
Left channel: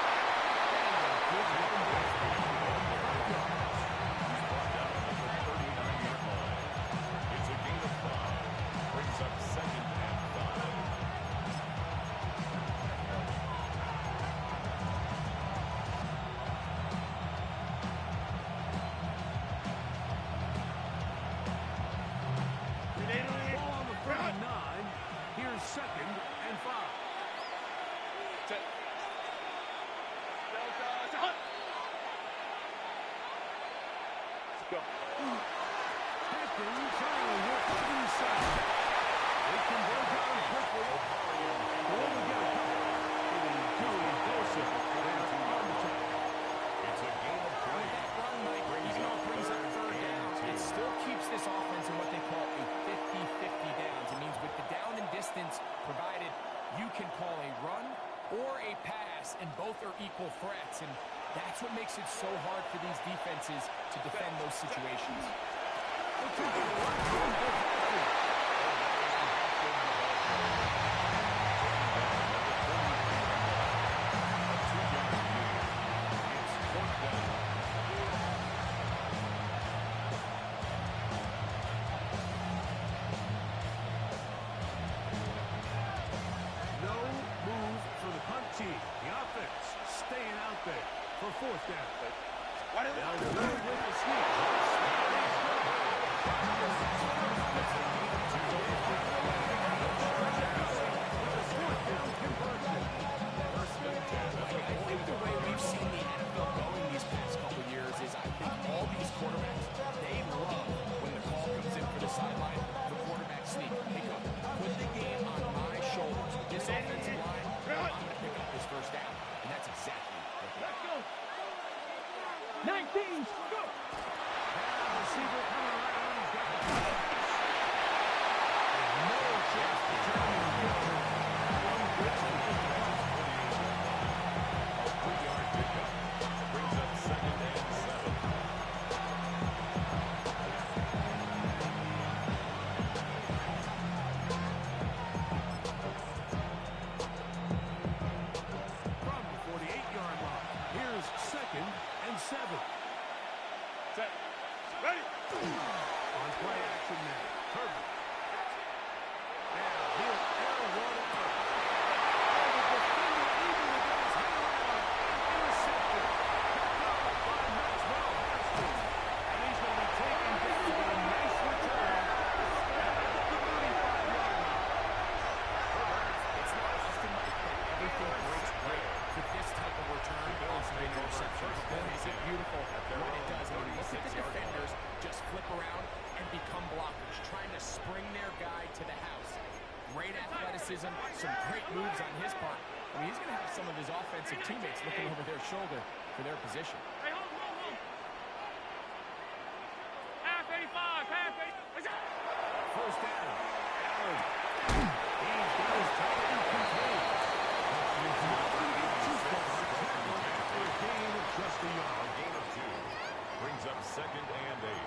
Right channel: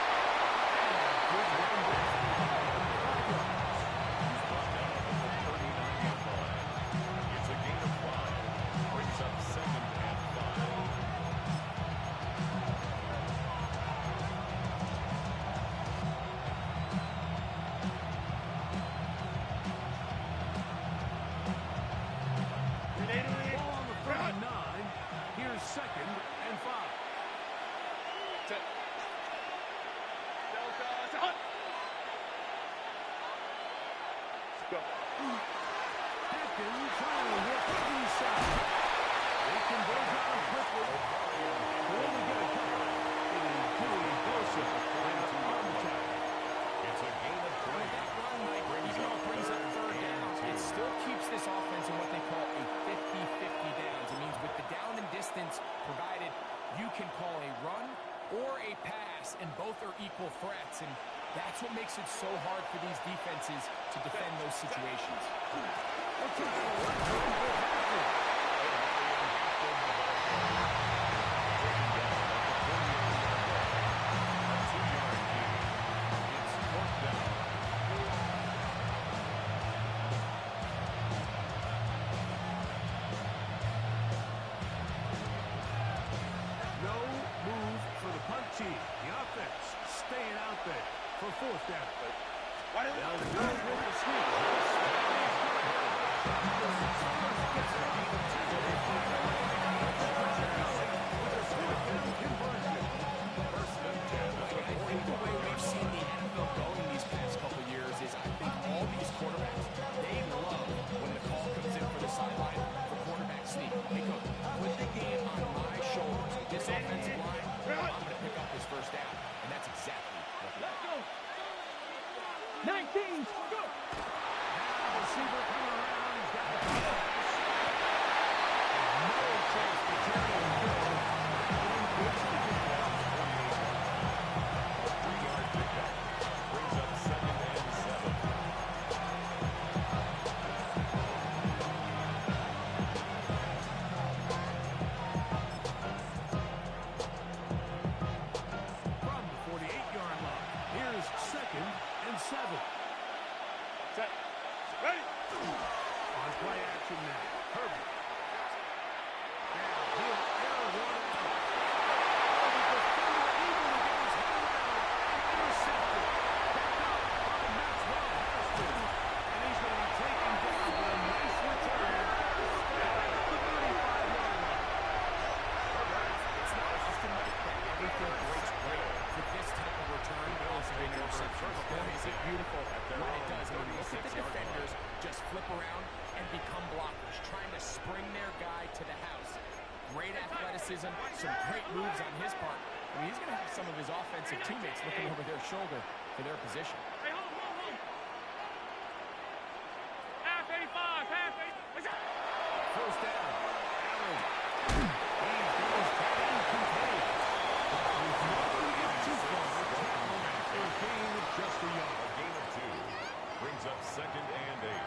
And a good run back. He's brought down at the 39-yard line. It's a gain of 5. Brings up second and 5. Grenade. Ball on the 39. Here's second and 5. Set. Delta. Set. Let's go. Hampton trying to work inside. They converge on him quickly. Will only get a couple. It is Joey Bosa there on the tackle. It's a gain of 3. That run, Mike, even though it brings up third down, it still keeps this offense in what they call a 50-50 downs. It means with the down and distance provided, you can call a run or a pass, and both are equal threats. And That's what makes it so hard for these defenses to defend those situations. No move for the punt team. The offense staying out there for fourth down. They'll do with the sneak. I think the way we've seen the NFL going these past couple years is I think all these quarterbacks, they love when the call comes in for the sideline for quarterback sneak. Hey, coach, put the game on my shoulders. With this offensive line, I'm going to pick up this first down. And that's exactly what they did. Let's go. 19, go. Now receiver coming around. Got the pass. No chance to turn and go. One good for just about 48 yards. A 3-yard pickup brings up 2nd and 7. From the 48-yard line, here's 2nd and 7. Set. Ready. On play action now. Herbert. Now he'll air one out. Oh, the defender able to get his head around and intercepted. Picked up by Maxwell Harrison. And he's going to be taken down with a nice return. At the 35-yard line. It's not often, Mike, that everything breaks great for this type of return off of an interception. Boy, is it beautiful when it does. I mean, look at the defenders just flip around and become blockers, trying to spring their guy to the house. Great athleticism, some great moves on his part. I mean, he's going to have some of his offensive teammates looking over their shoulder for their position. Hey, hold. Half 85, half 80. First down. Allen. He goes tight end contains. He's not going to get too far. Tackled after a gain of just a yard. A gain of 2 brings up 2nd and 8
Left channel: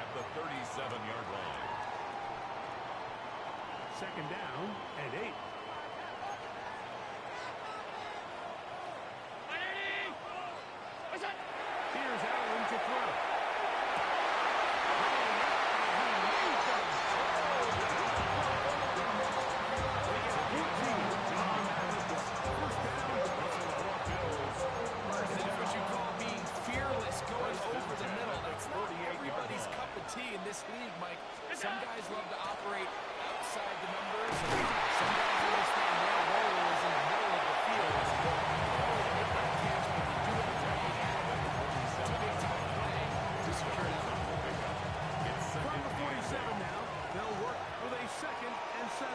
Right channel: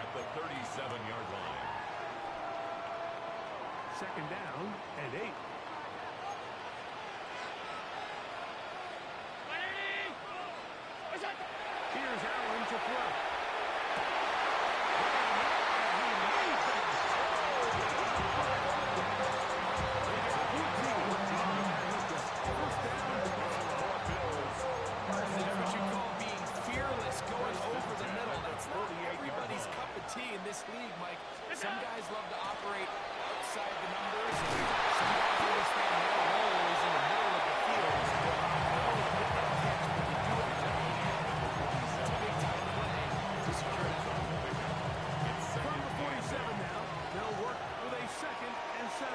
at the 37-yard line. 2nd down and 8. Here's Allen to throw. What you call being fearless, going over the middle. That's not everybody's cup of tea in this league, Mike. Some guys love to operate outside the numbers, and some guys understand their role is in the middle of the field. But you do it it's a big-time play to secure that one. From the 47 now, they'll work with a 2nd and 7.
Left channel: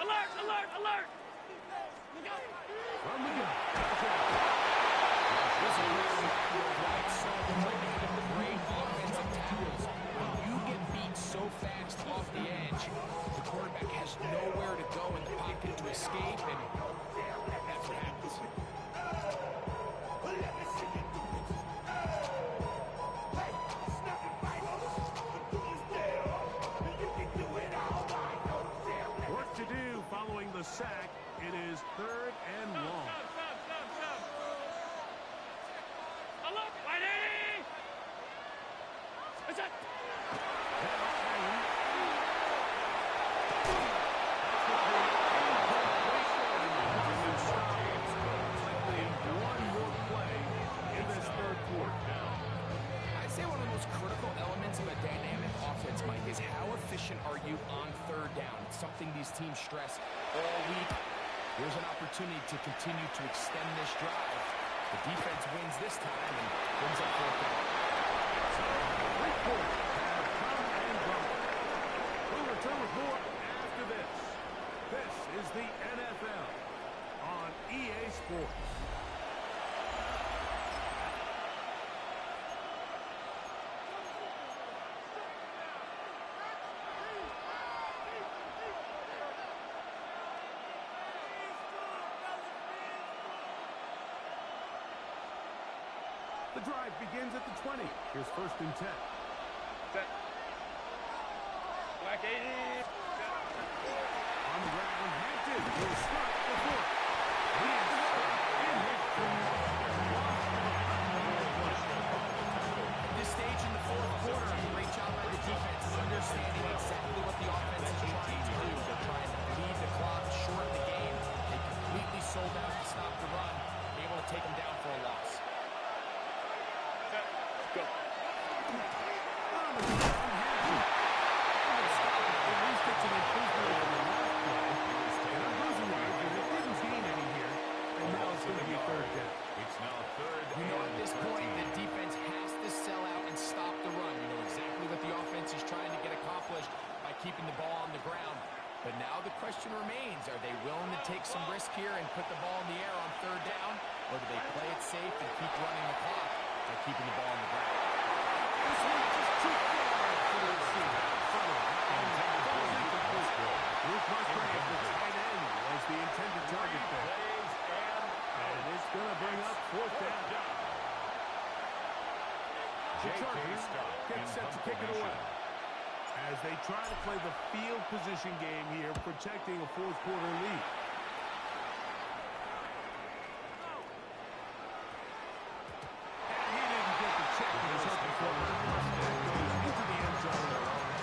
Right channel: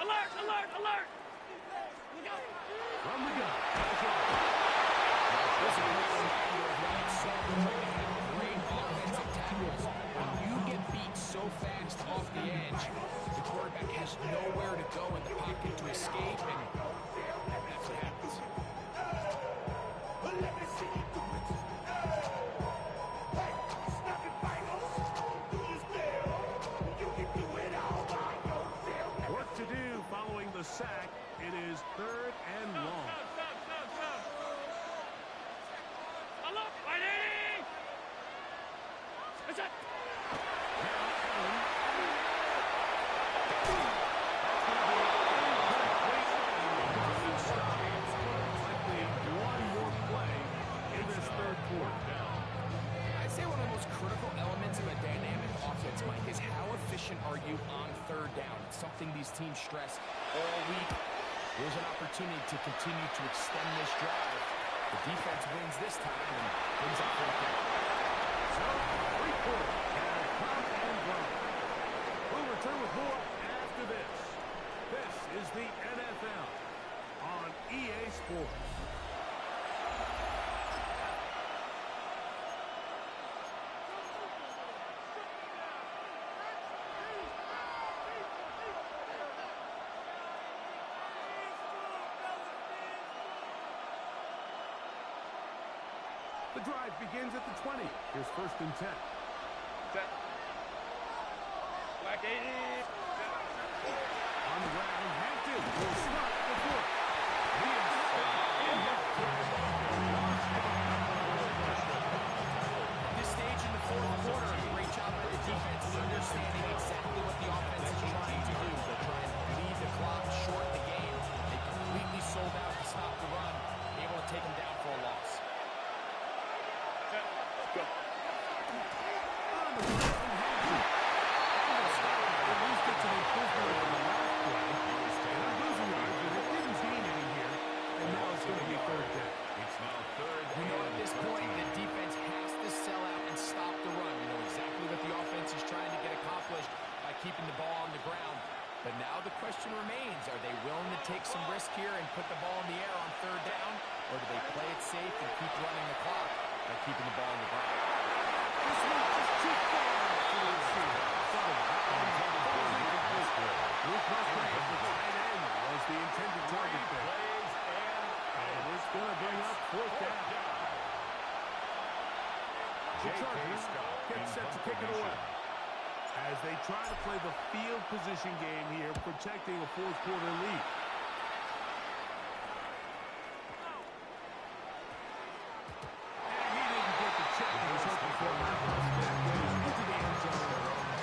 Alert! From the gun. This is a great reminder of why it's so important to have the great offensive tackles. When you get beat so fast off the edge, the quarterback has nowhere to go in the pocket to escape, and that's what happens. Work to do following the sack. It is 3rd and long. Stop. Alert, 180. That's it. Now Allen. That's going to be incomplete. And stop. Likely one more play in this 3rd quarter. I'd say one of the most critical elements of a dynamic offense, Mike, is how efficient are you on 3rd down? It's something these teams stress all week. Here's an opportunity to continue to extend this drive. The defense wins this time and brings up 4th down. So, 3 quarters have come and gone. We'll return with more after this. This is the NFL on EA Sports. The drive begins at the 20. Here's 1st and 10. Set. Black 80. On the ground, Hampton will start the 4th. He is stopped in his tracks. Loss of a couple of yards. At this stage in the 4th quarter, great job by the defense, understanding exactly what the offense is trying to do. They're trying to lead the clock, shorten the game. They completely sold out to stop the run, able to take them down for a loss. Set. Go. On the ground, Hampton. And the stop at least gets an improvement over the last play. And I'm losing yards, but it didn't gain any here. And now it's going to be 3rd down. It's now 3rd You know, at and this 13. point, the defense has to sell out and stop the run. You know exactly what the offense is trying to get accomplished by keeping the ball on the ground. But now the question remains, are they willing to take some risk here and put the ball in the air on 3rd down? Or do they play it safe and keep running the clock by keeping the ball on the ground? This one just too far for the receiver. Ball's incomplete. Luke Musgrave, the tight end, was the intended target there. And it's going to bring up 4th down. The Chargers get set to kick it away. As they try to play the field position game here, protecting a 4th quarter lead. And he didn't get the check he was hoping for. That goes into the end zone.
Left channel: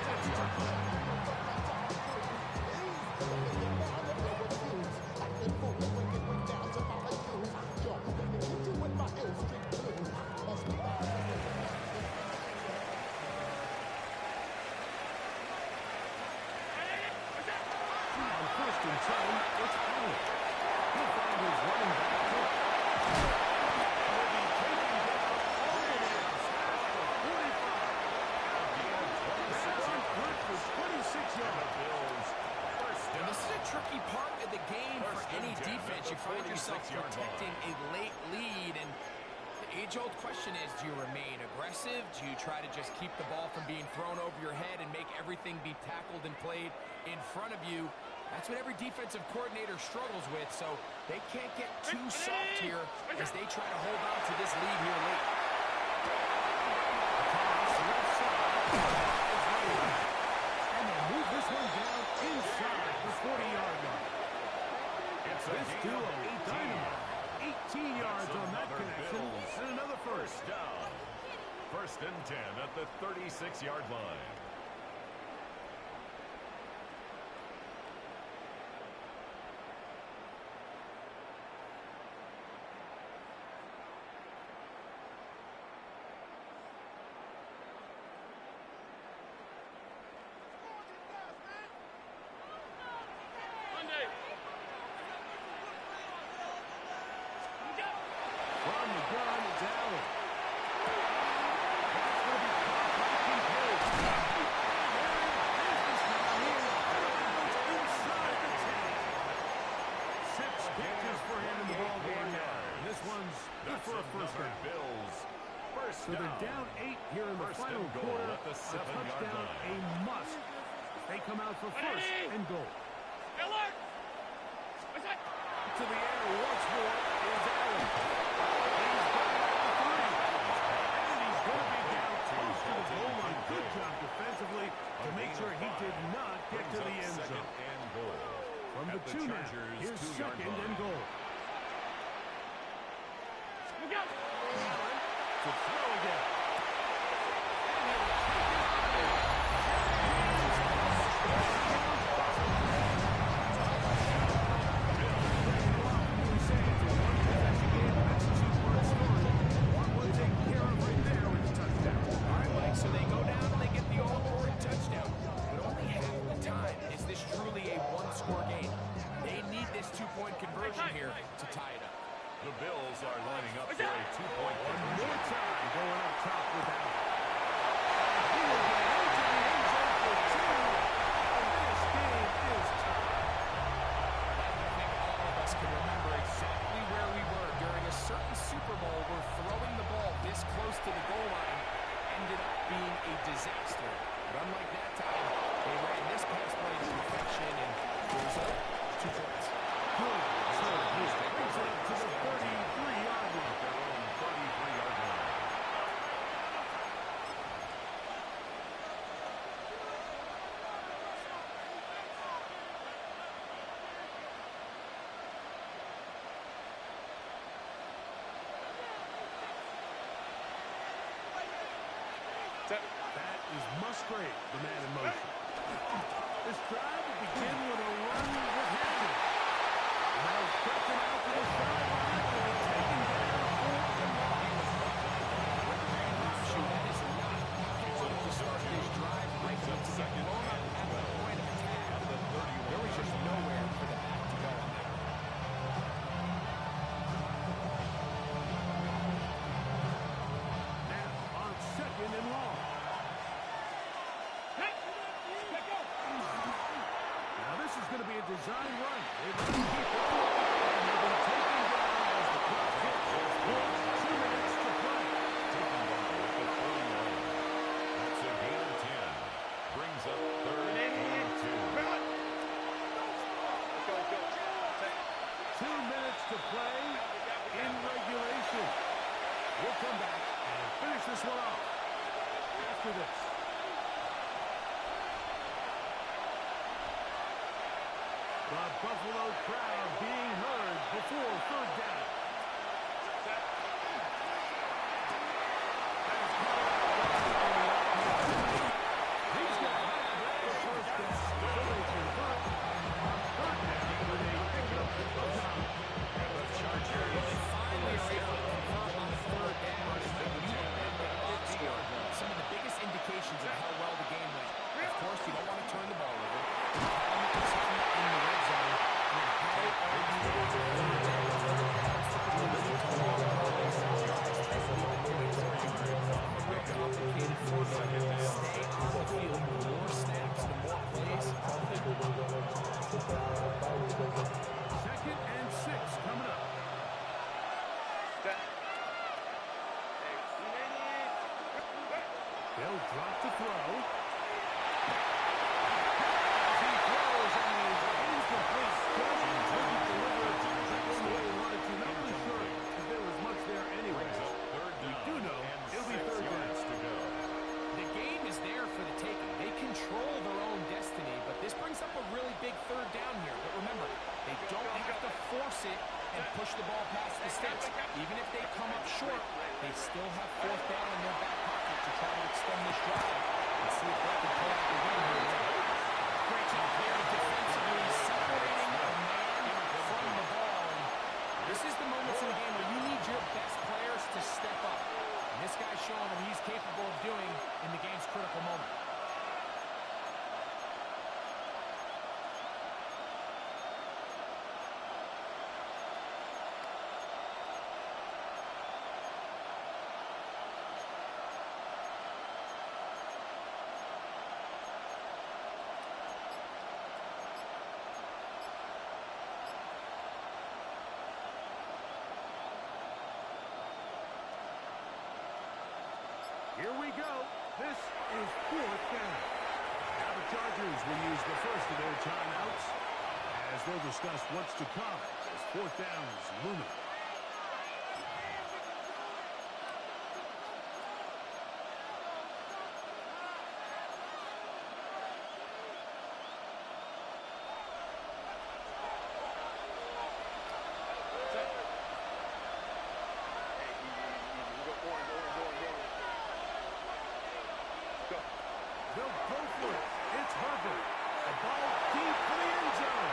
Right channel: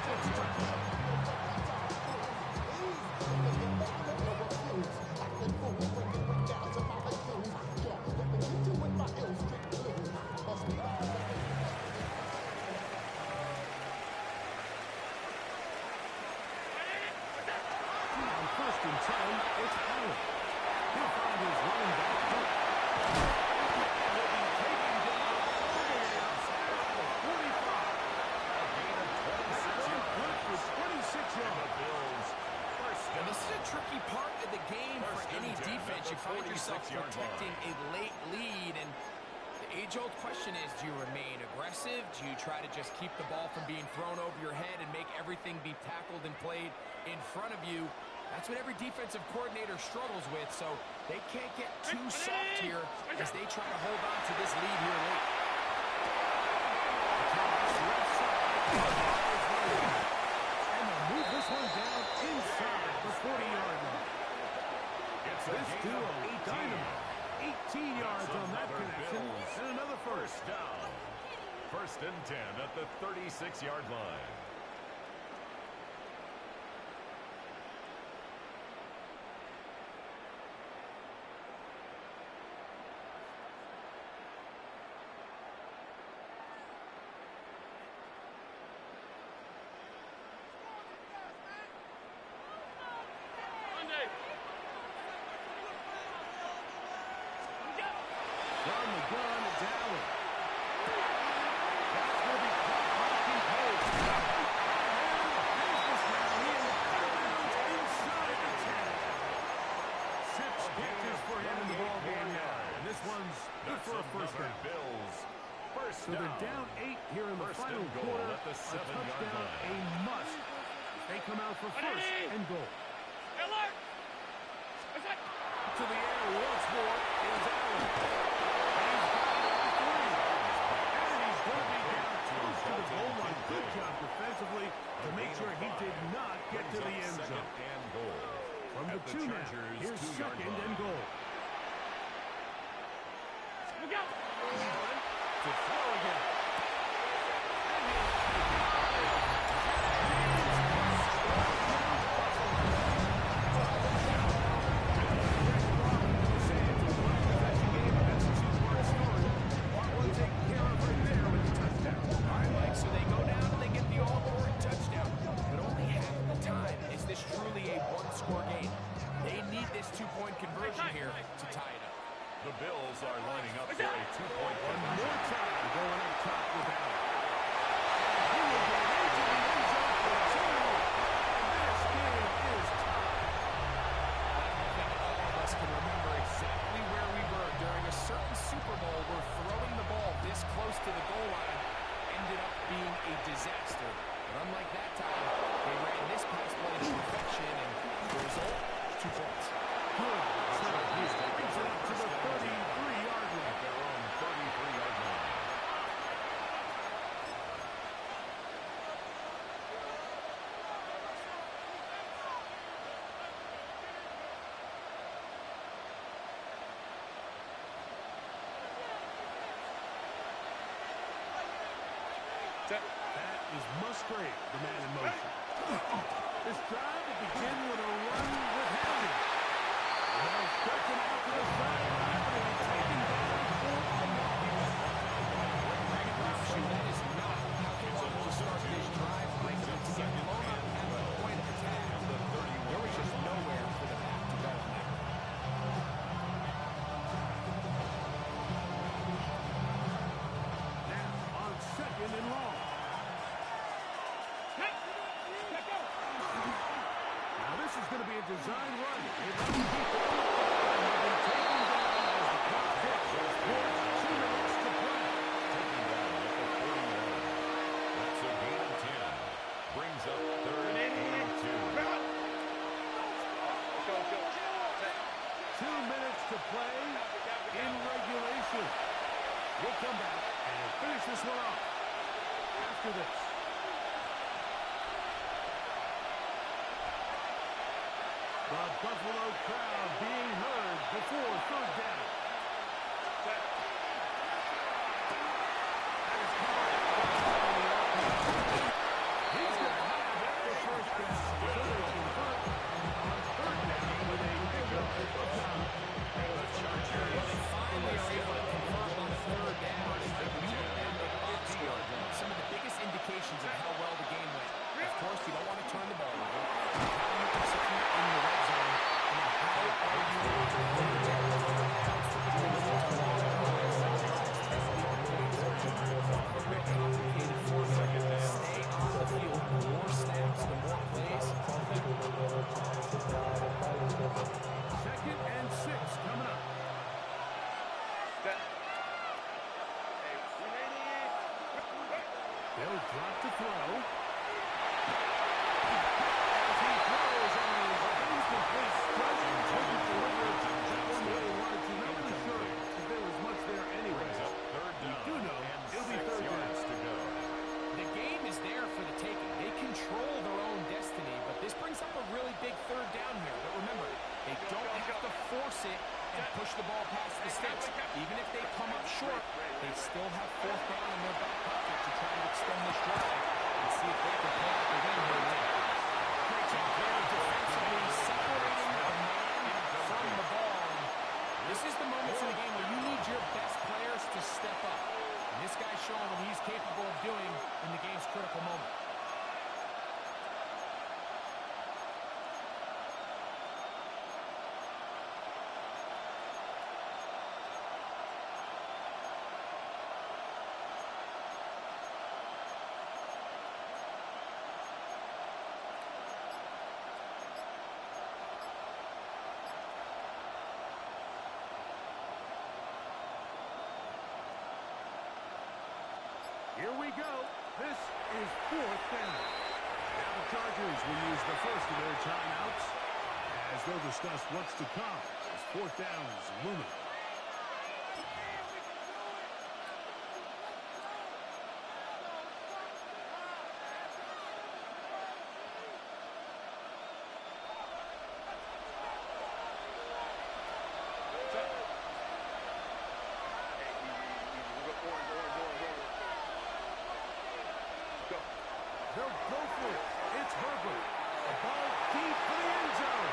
That's a touchdown. On 1st and 10, it's Allen. He'll find his running back Cook. And will be taken down all the way past the 45. A gain of 26 yards. Good for 26 yards. The Bills first And down. this is a tricky part of the game for First and any 10 defense. at You the find yourself 46-yard protecting line. a late lead, and the age-old question is, do you remain aggressive? Do you try to just keep the ball from being thrown over your head and make everything be tackled and played in front of you? That's what every defensive coordinator struggles with, so they can't get too soft here as they try to hold on to this lead here late. Toss left side. Is running back. And they'll move this one down inside the 40-yard line. It's a This gain of duo, 18. dynamite. 18 yards on that Another connection. Bills And another first. down. 1st and 10 at the 36-yard line. Monday. From the gun, it's Allen. That's going to be caught by Kincaid. And there's this now. He is out of bounds inside the 10. 6 catches for him in the ball game now. And this one's good That's for a first another down. Bills first So they're down 8 here in the First final and goal quarter. at the A 7-yard touchdown, line. a must. They come out for first and goal. Alert. What's that? To the air once more is Allen. He's got it at the 3. And he's going to be down close to the goal line. Good job defensively to make sure he did not get to the end zone. Second and goal. From At the 2 now, Chargers' here's 2-yard second line. and goal. Look out. Allen to throw again. And he'll take it on in. Touchdown, Buffalo. Greg, how often do we say it's a one-possession game, and that's a 2-part story? One taken care of right there with the touchdown. All right, Mike, so they go down and they get the all-important touchdown. But only half the time is this truly a one-score game. They need this 2-point conversion here to tie it up. The Bills are lining up for a 2-point One conversion. more time going up top with Allen. And he will get into the end zone for 2. And this game is tied. I think all of us can remember exactly where we were during a certain Super Bowl where throwing the ball this close to the goal line ended up being a disaster. But unlike that time, they ran this pass play to perfection, and the result, 2 points. Good return here. Brings it up to the 33-yard line. Their own 33-yard line. That is Musgrave, the man in motion. This drive will begin with a run with Hampton. And they'll stretch him out to the sideline, but he'll be taken down for the loss. That is not how he wanted to start this drive. Break him to get blown up at the point of attack. There was just nowhere for the back to go on that. Now on second and long. Now this is going to be a design run. They run deep and they'll be taken down as the clock hits. 2 minutes to play. Taken down at the 41. That's a gain of 10. Brings up third and 2. Let's go. 2 minutes to play in regulation. We'll come back and finish this one off after this. The Buffalo crowd being heard before third down. Set. That is caught out on the RPO. He's going to have the first down. So they convert on third down with a pickup of 9. The Chargers. They finally are able to convert on the third down. When you look at the box score, some of the biggest indications of how well the game went. Of course, you don't want to turn the ball over. How do you execute in the red zone? And then how are you able to third down? Third downs typically lead to long drives. Drives tend to lead to points. A real complicated formula. Stay on the field. The more snaps, the more plays, the better. Second and 6 coming up. Set. They'll drop to throw. As he throws and is incomplete. Just couldn't deliver that one the way he wanted to. Not really sure if there was much there anyway. Third We down. do know And it'll be 6 third down. yards to go. The game is there for the taking. They control their own destiny, but this brings up a really big third down here. But remember, they don't have to force it and push the ball past the sticks. Even if they come up short, they still have fourth down in their back pocket to try to extend this drive and see if they can pull out the win here later. Great job there defensively, separating a man from the ball. And this is the moments in the game where you need your best players to step up. And this guy's showing what he's capable of doing in the game's critical moment. Here we go. This is fourth down. Now the Chargers will use the first of their timeouts as they'll discuss what's to come as fourth down is looming. Set. Hey, easy. We'll go orange. Go. They'll go for it. It's Herbert. A ball deep for the end zone.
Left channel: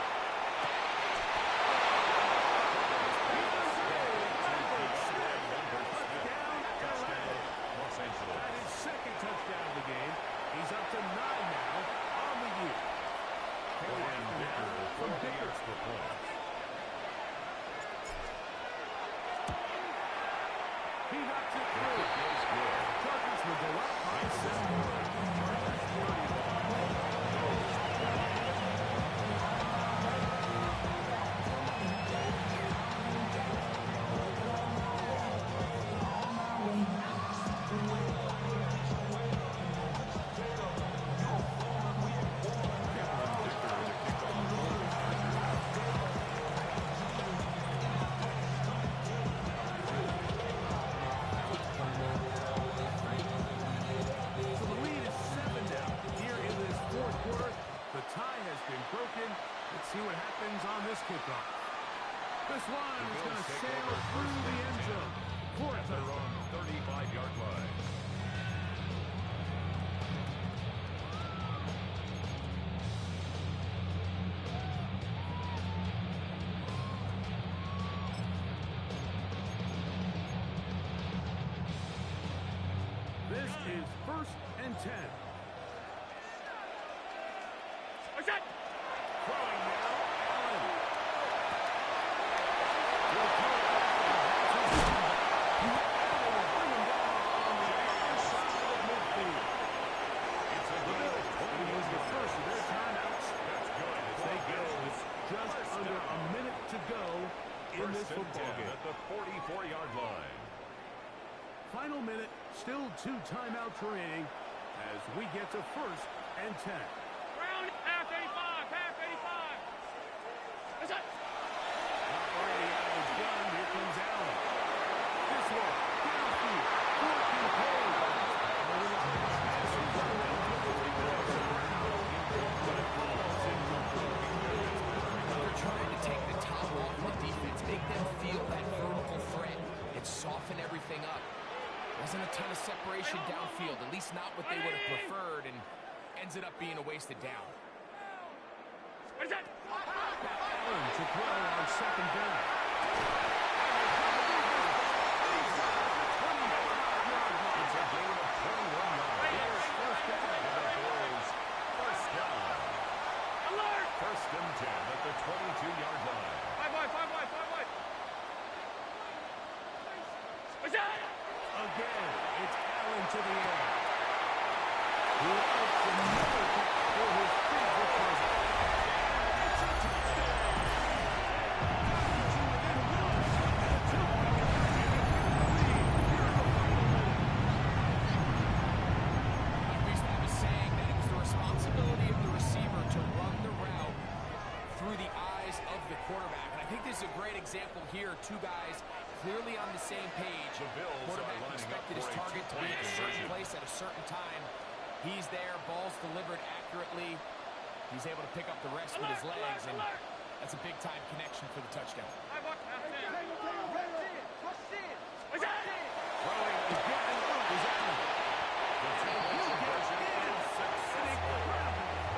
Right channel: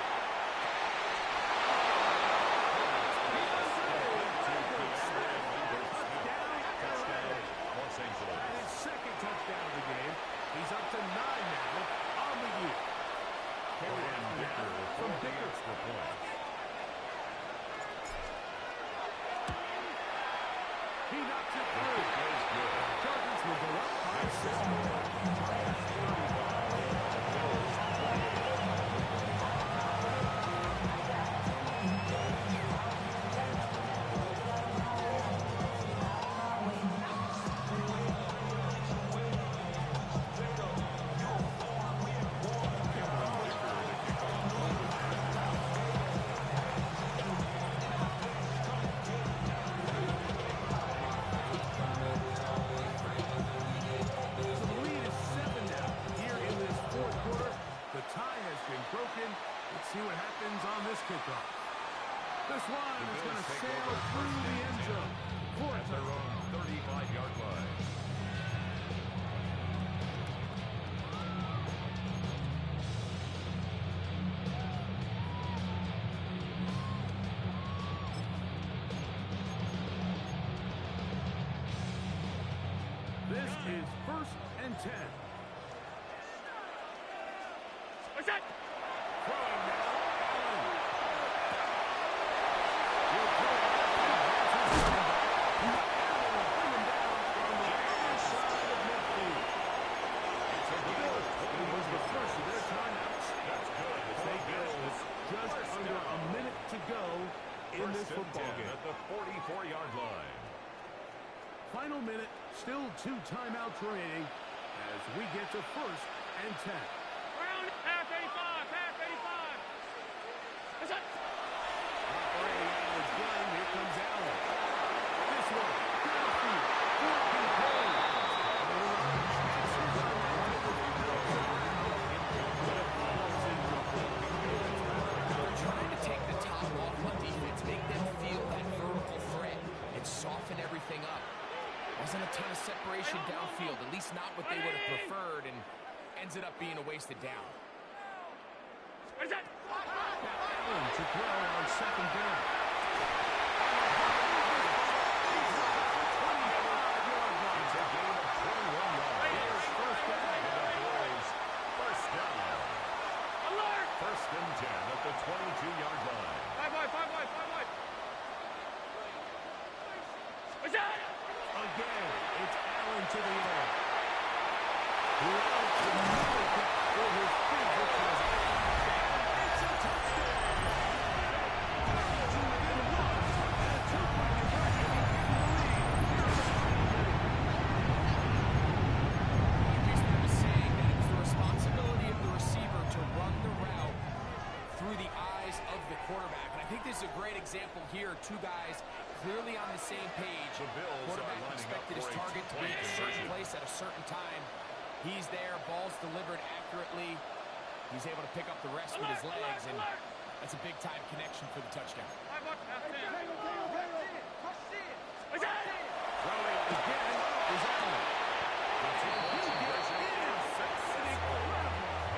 Touchdown, Los Angeles. And his second touchdown of the game. He's up to 9 now on the year. Brian Dicker for the extra point. He knocks it through. Is good. Chargers will go up by 7. Chargers 35. Bills 28. So the lead is 7 now. Here in this fourth quarter, the tie has been broken. Let's see what happens on this kickoff. This one is going to sail through the end zone for a At their touchdown. own 35-yard line. is 1st and 10. What's that? Throwing now, Allen. He'll throw it left and has his man back. And they will bring him down on the other side of midfield. It's a The gain Bills of will 21 use the first of their yards. timeouts. That's good. As they get it with just First under down. a minute to go in this First and football 10 game. at the 44-yard line. Final minute, still 2 timeouts remaining as we get to 1st and 10. Round half 85, half 85. What's that? Operating out of his gun, here comes Allen. This one, downfield, for Kincaid. Chances on that one with the Bills around, but it falls incomplete. They're trying to take the top off the defense, make them feel that vertical threat, and soften everything up. Wasn't a ton of separation downfield, at least not what they would have preferred, and ends it up being a wasted down. What's that? Allen to throw on 2nd down. It's a gain of 21 yards. Here's 1st down. And the Bills, first down. Alert! 1st and 10 at the 22-yard line. 5 wide, 5 wide, 5 wide. What's that? Again, it's Allen to the air. Loves another kick for his favorite cousin. It's a touchdown! Down to within 1. And a 2-point conversion can give him the lead here in the final minute. We used to have a saying that it was the responsibility of the receiver to run the route through the eyes of the quarterback. And I think this is a great example here. 2 guys clearly on the same page. The Bills Quarterback are lining up expected his for a target to be two-point in a certain conversion. place at a certain time. He's there, ball's delivered accurately. He's able to pick up the rest with his legs, and that's a big-time connection for the touchdown. 5 wide, half 10. What's that? Throwing again is Allen. The two-point conversion is successful.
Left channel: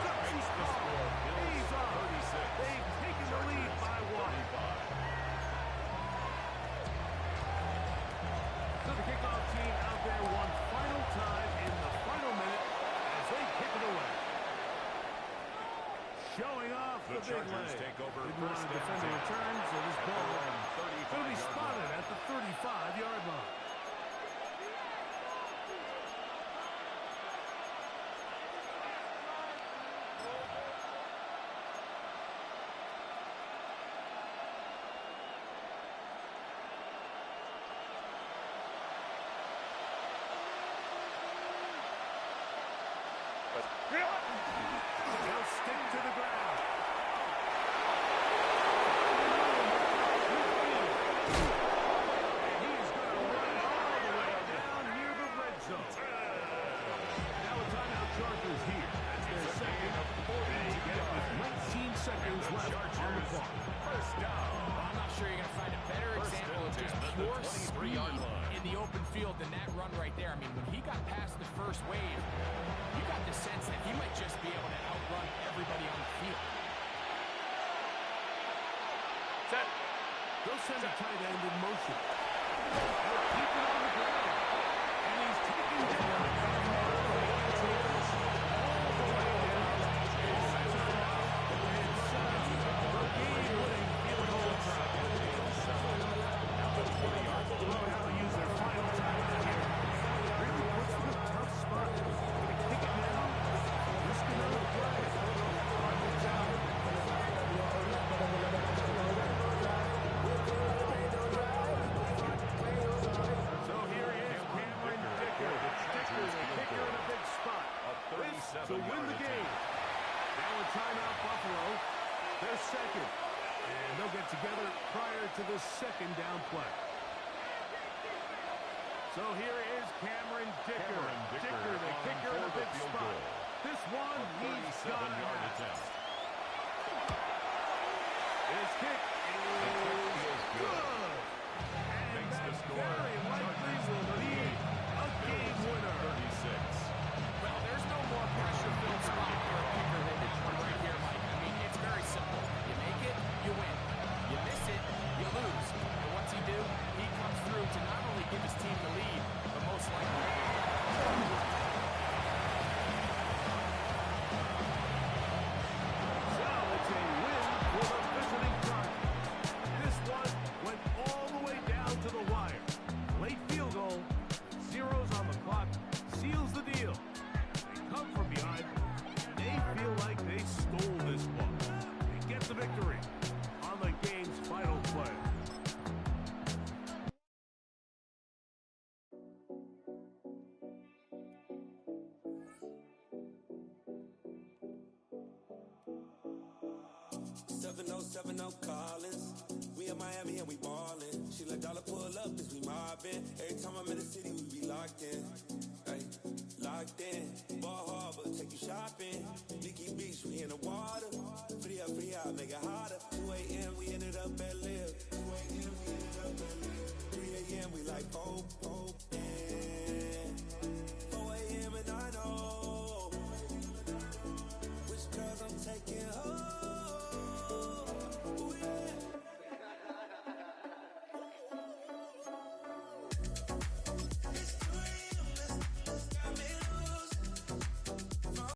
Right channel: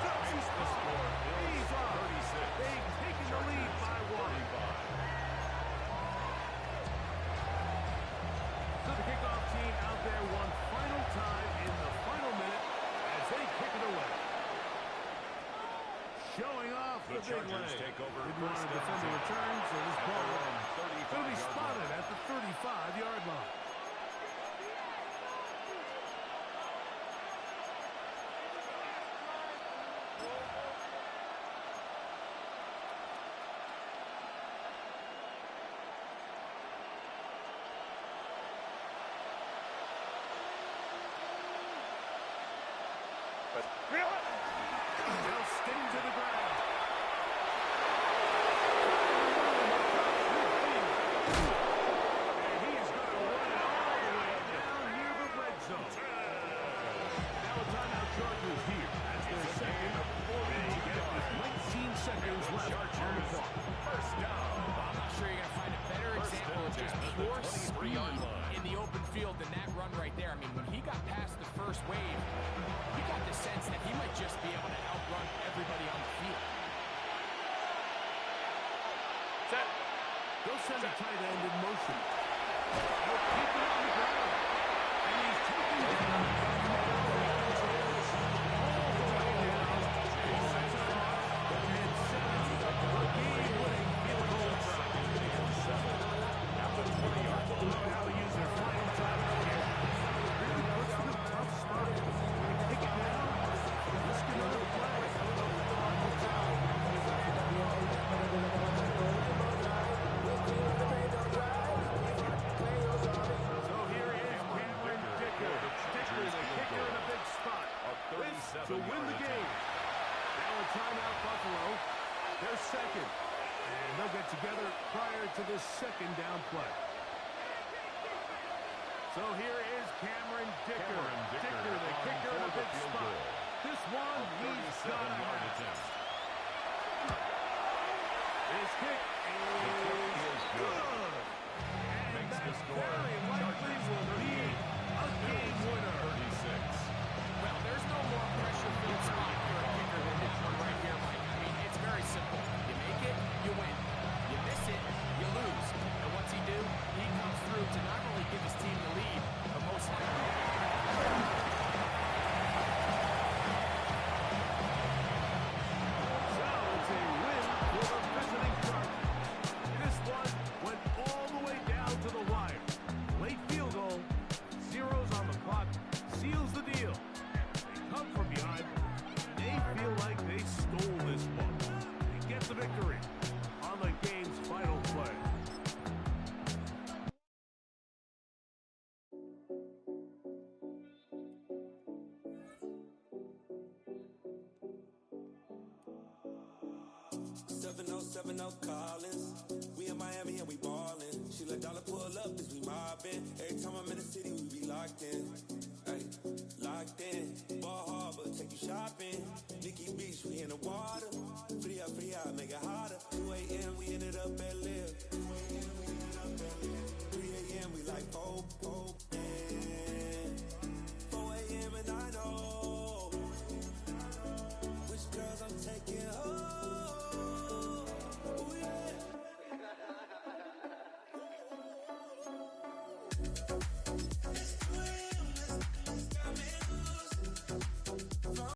That makes the score He's Bills off. 36. They've taken the lead by 1. 35. So the kickoff team out there one final time in the final minute as they kick it away. Showing off The the big Chargers leg. take over Didn't want first to and defend the 10 return, so this at ball their will own be 35-yard spotted line. at the 35-yard line. They'll stick to the ground. And he's going to run it all the way down near the red zone. Now a timeout Chargers here. That's their second. They get it with 19 seconds left on the clock. First down. Well, I'm not sure you're going to find a better First example and of just 10 at the pure 23-yard speed line. in the open field than that run right there. I mean, when he got past the first wave, you got the sense that he might just be able to outrun everybody on the field. Set. They'll send a tight end in motion. They'll keep it on the ground. And he's taken down. And now they can take this all the way down. And sets it off. And sends the game-winning field goal try. At the 20-yard line. Look at how they use their final timeout here. Really puts them in a tough spot. Going to kick it now. Risk another play. Final time. So here is Cameron Dicker. Dicker, the kicker in a big spot. This to win the game. Now a timeout Buffalo. They're second. And they'll get together prior to this second down play. So here is Cameron Dicker. Dicker, the kicker in a big spot. This one, he's got to have. His kick is good. And that very likely will be a game winner. 36. Well, there's no more pressure-filled spot for a kicker than that one right here, Mike. I mean, it's very simple. You make it, you win. You miss it, you lose. And what's he do? He comes through to not only give his team the lead, but most likely 7070 Collins. We in Miami and we ballin'. She let dollar pull up as we mobbin'. Every time I'm in the city, we be locked in. Ay, locked in. Ball Harbor, take you shopping. Nikki Beach, we in the water. Free up, make it hotter. 2 a.m., we ended up at Live. 3 a.m., we like 4.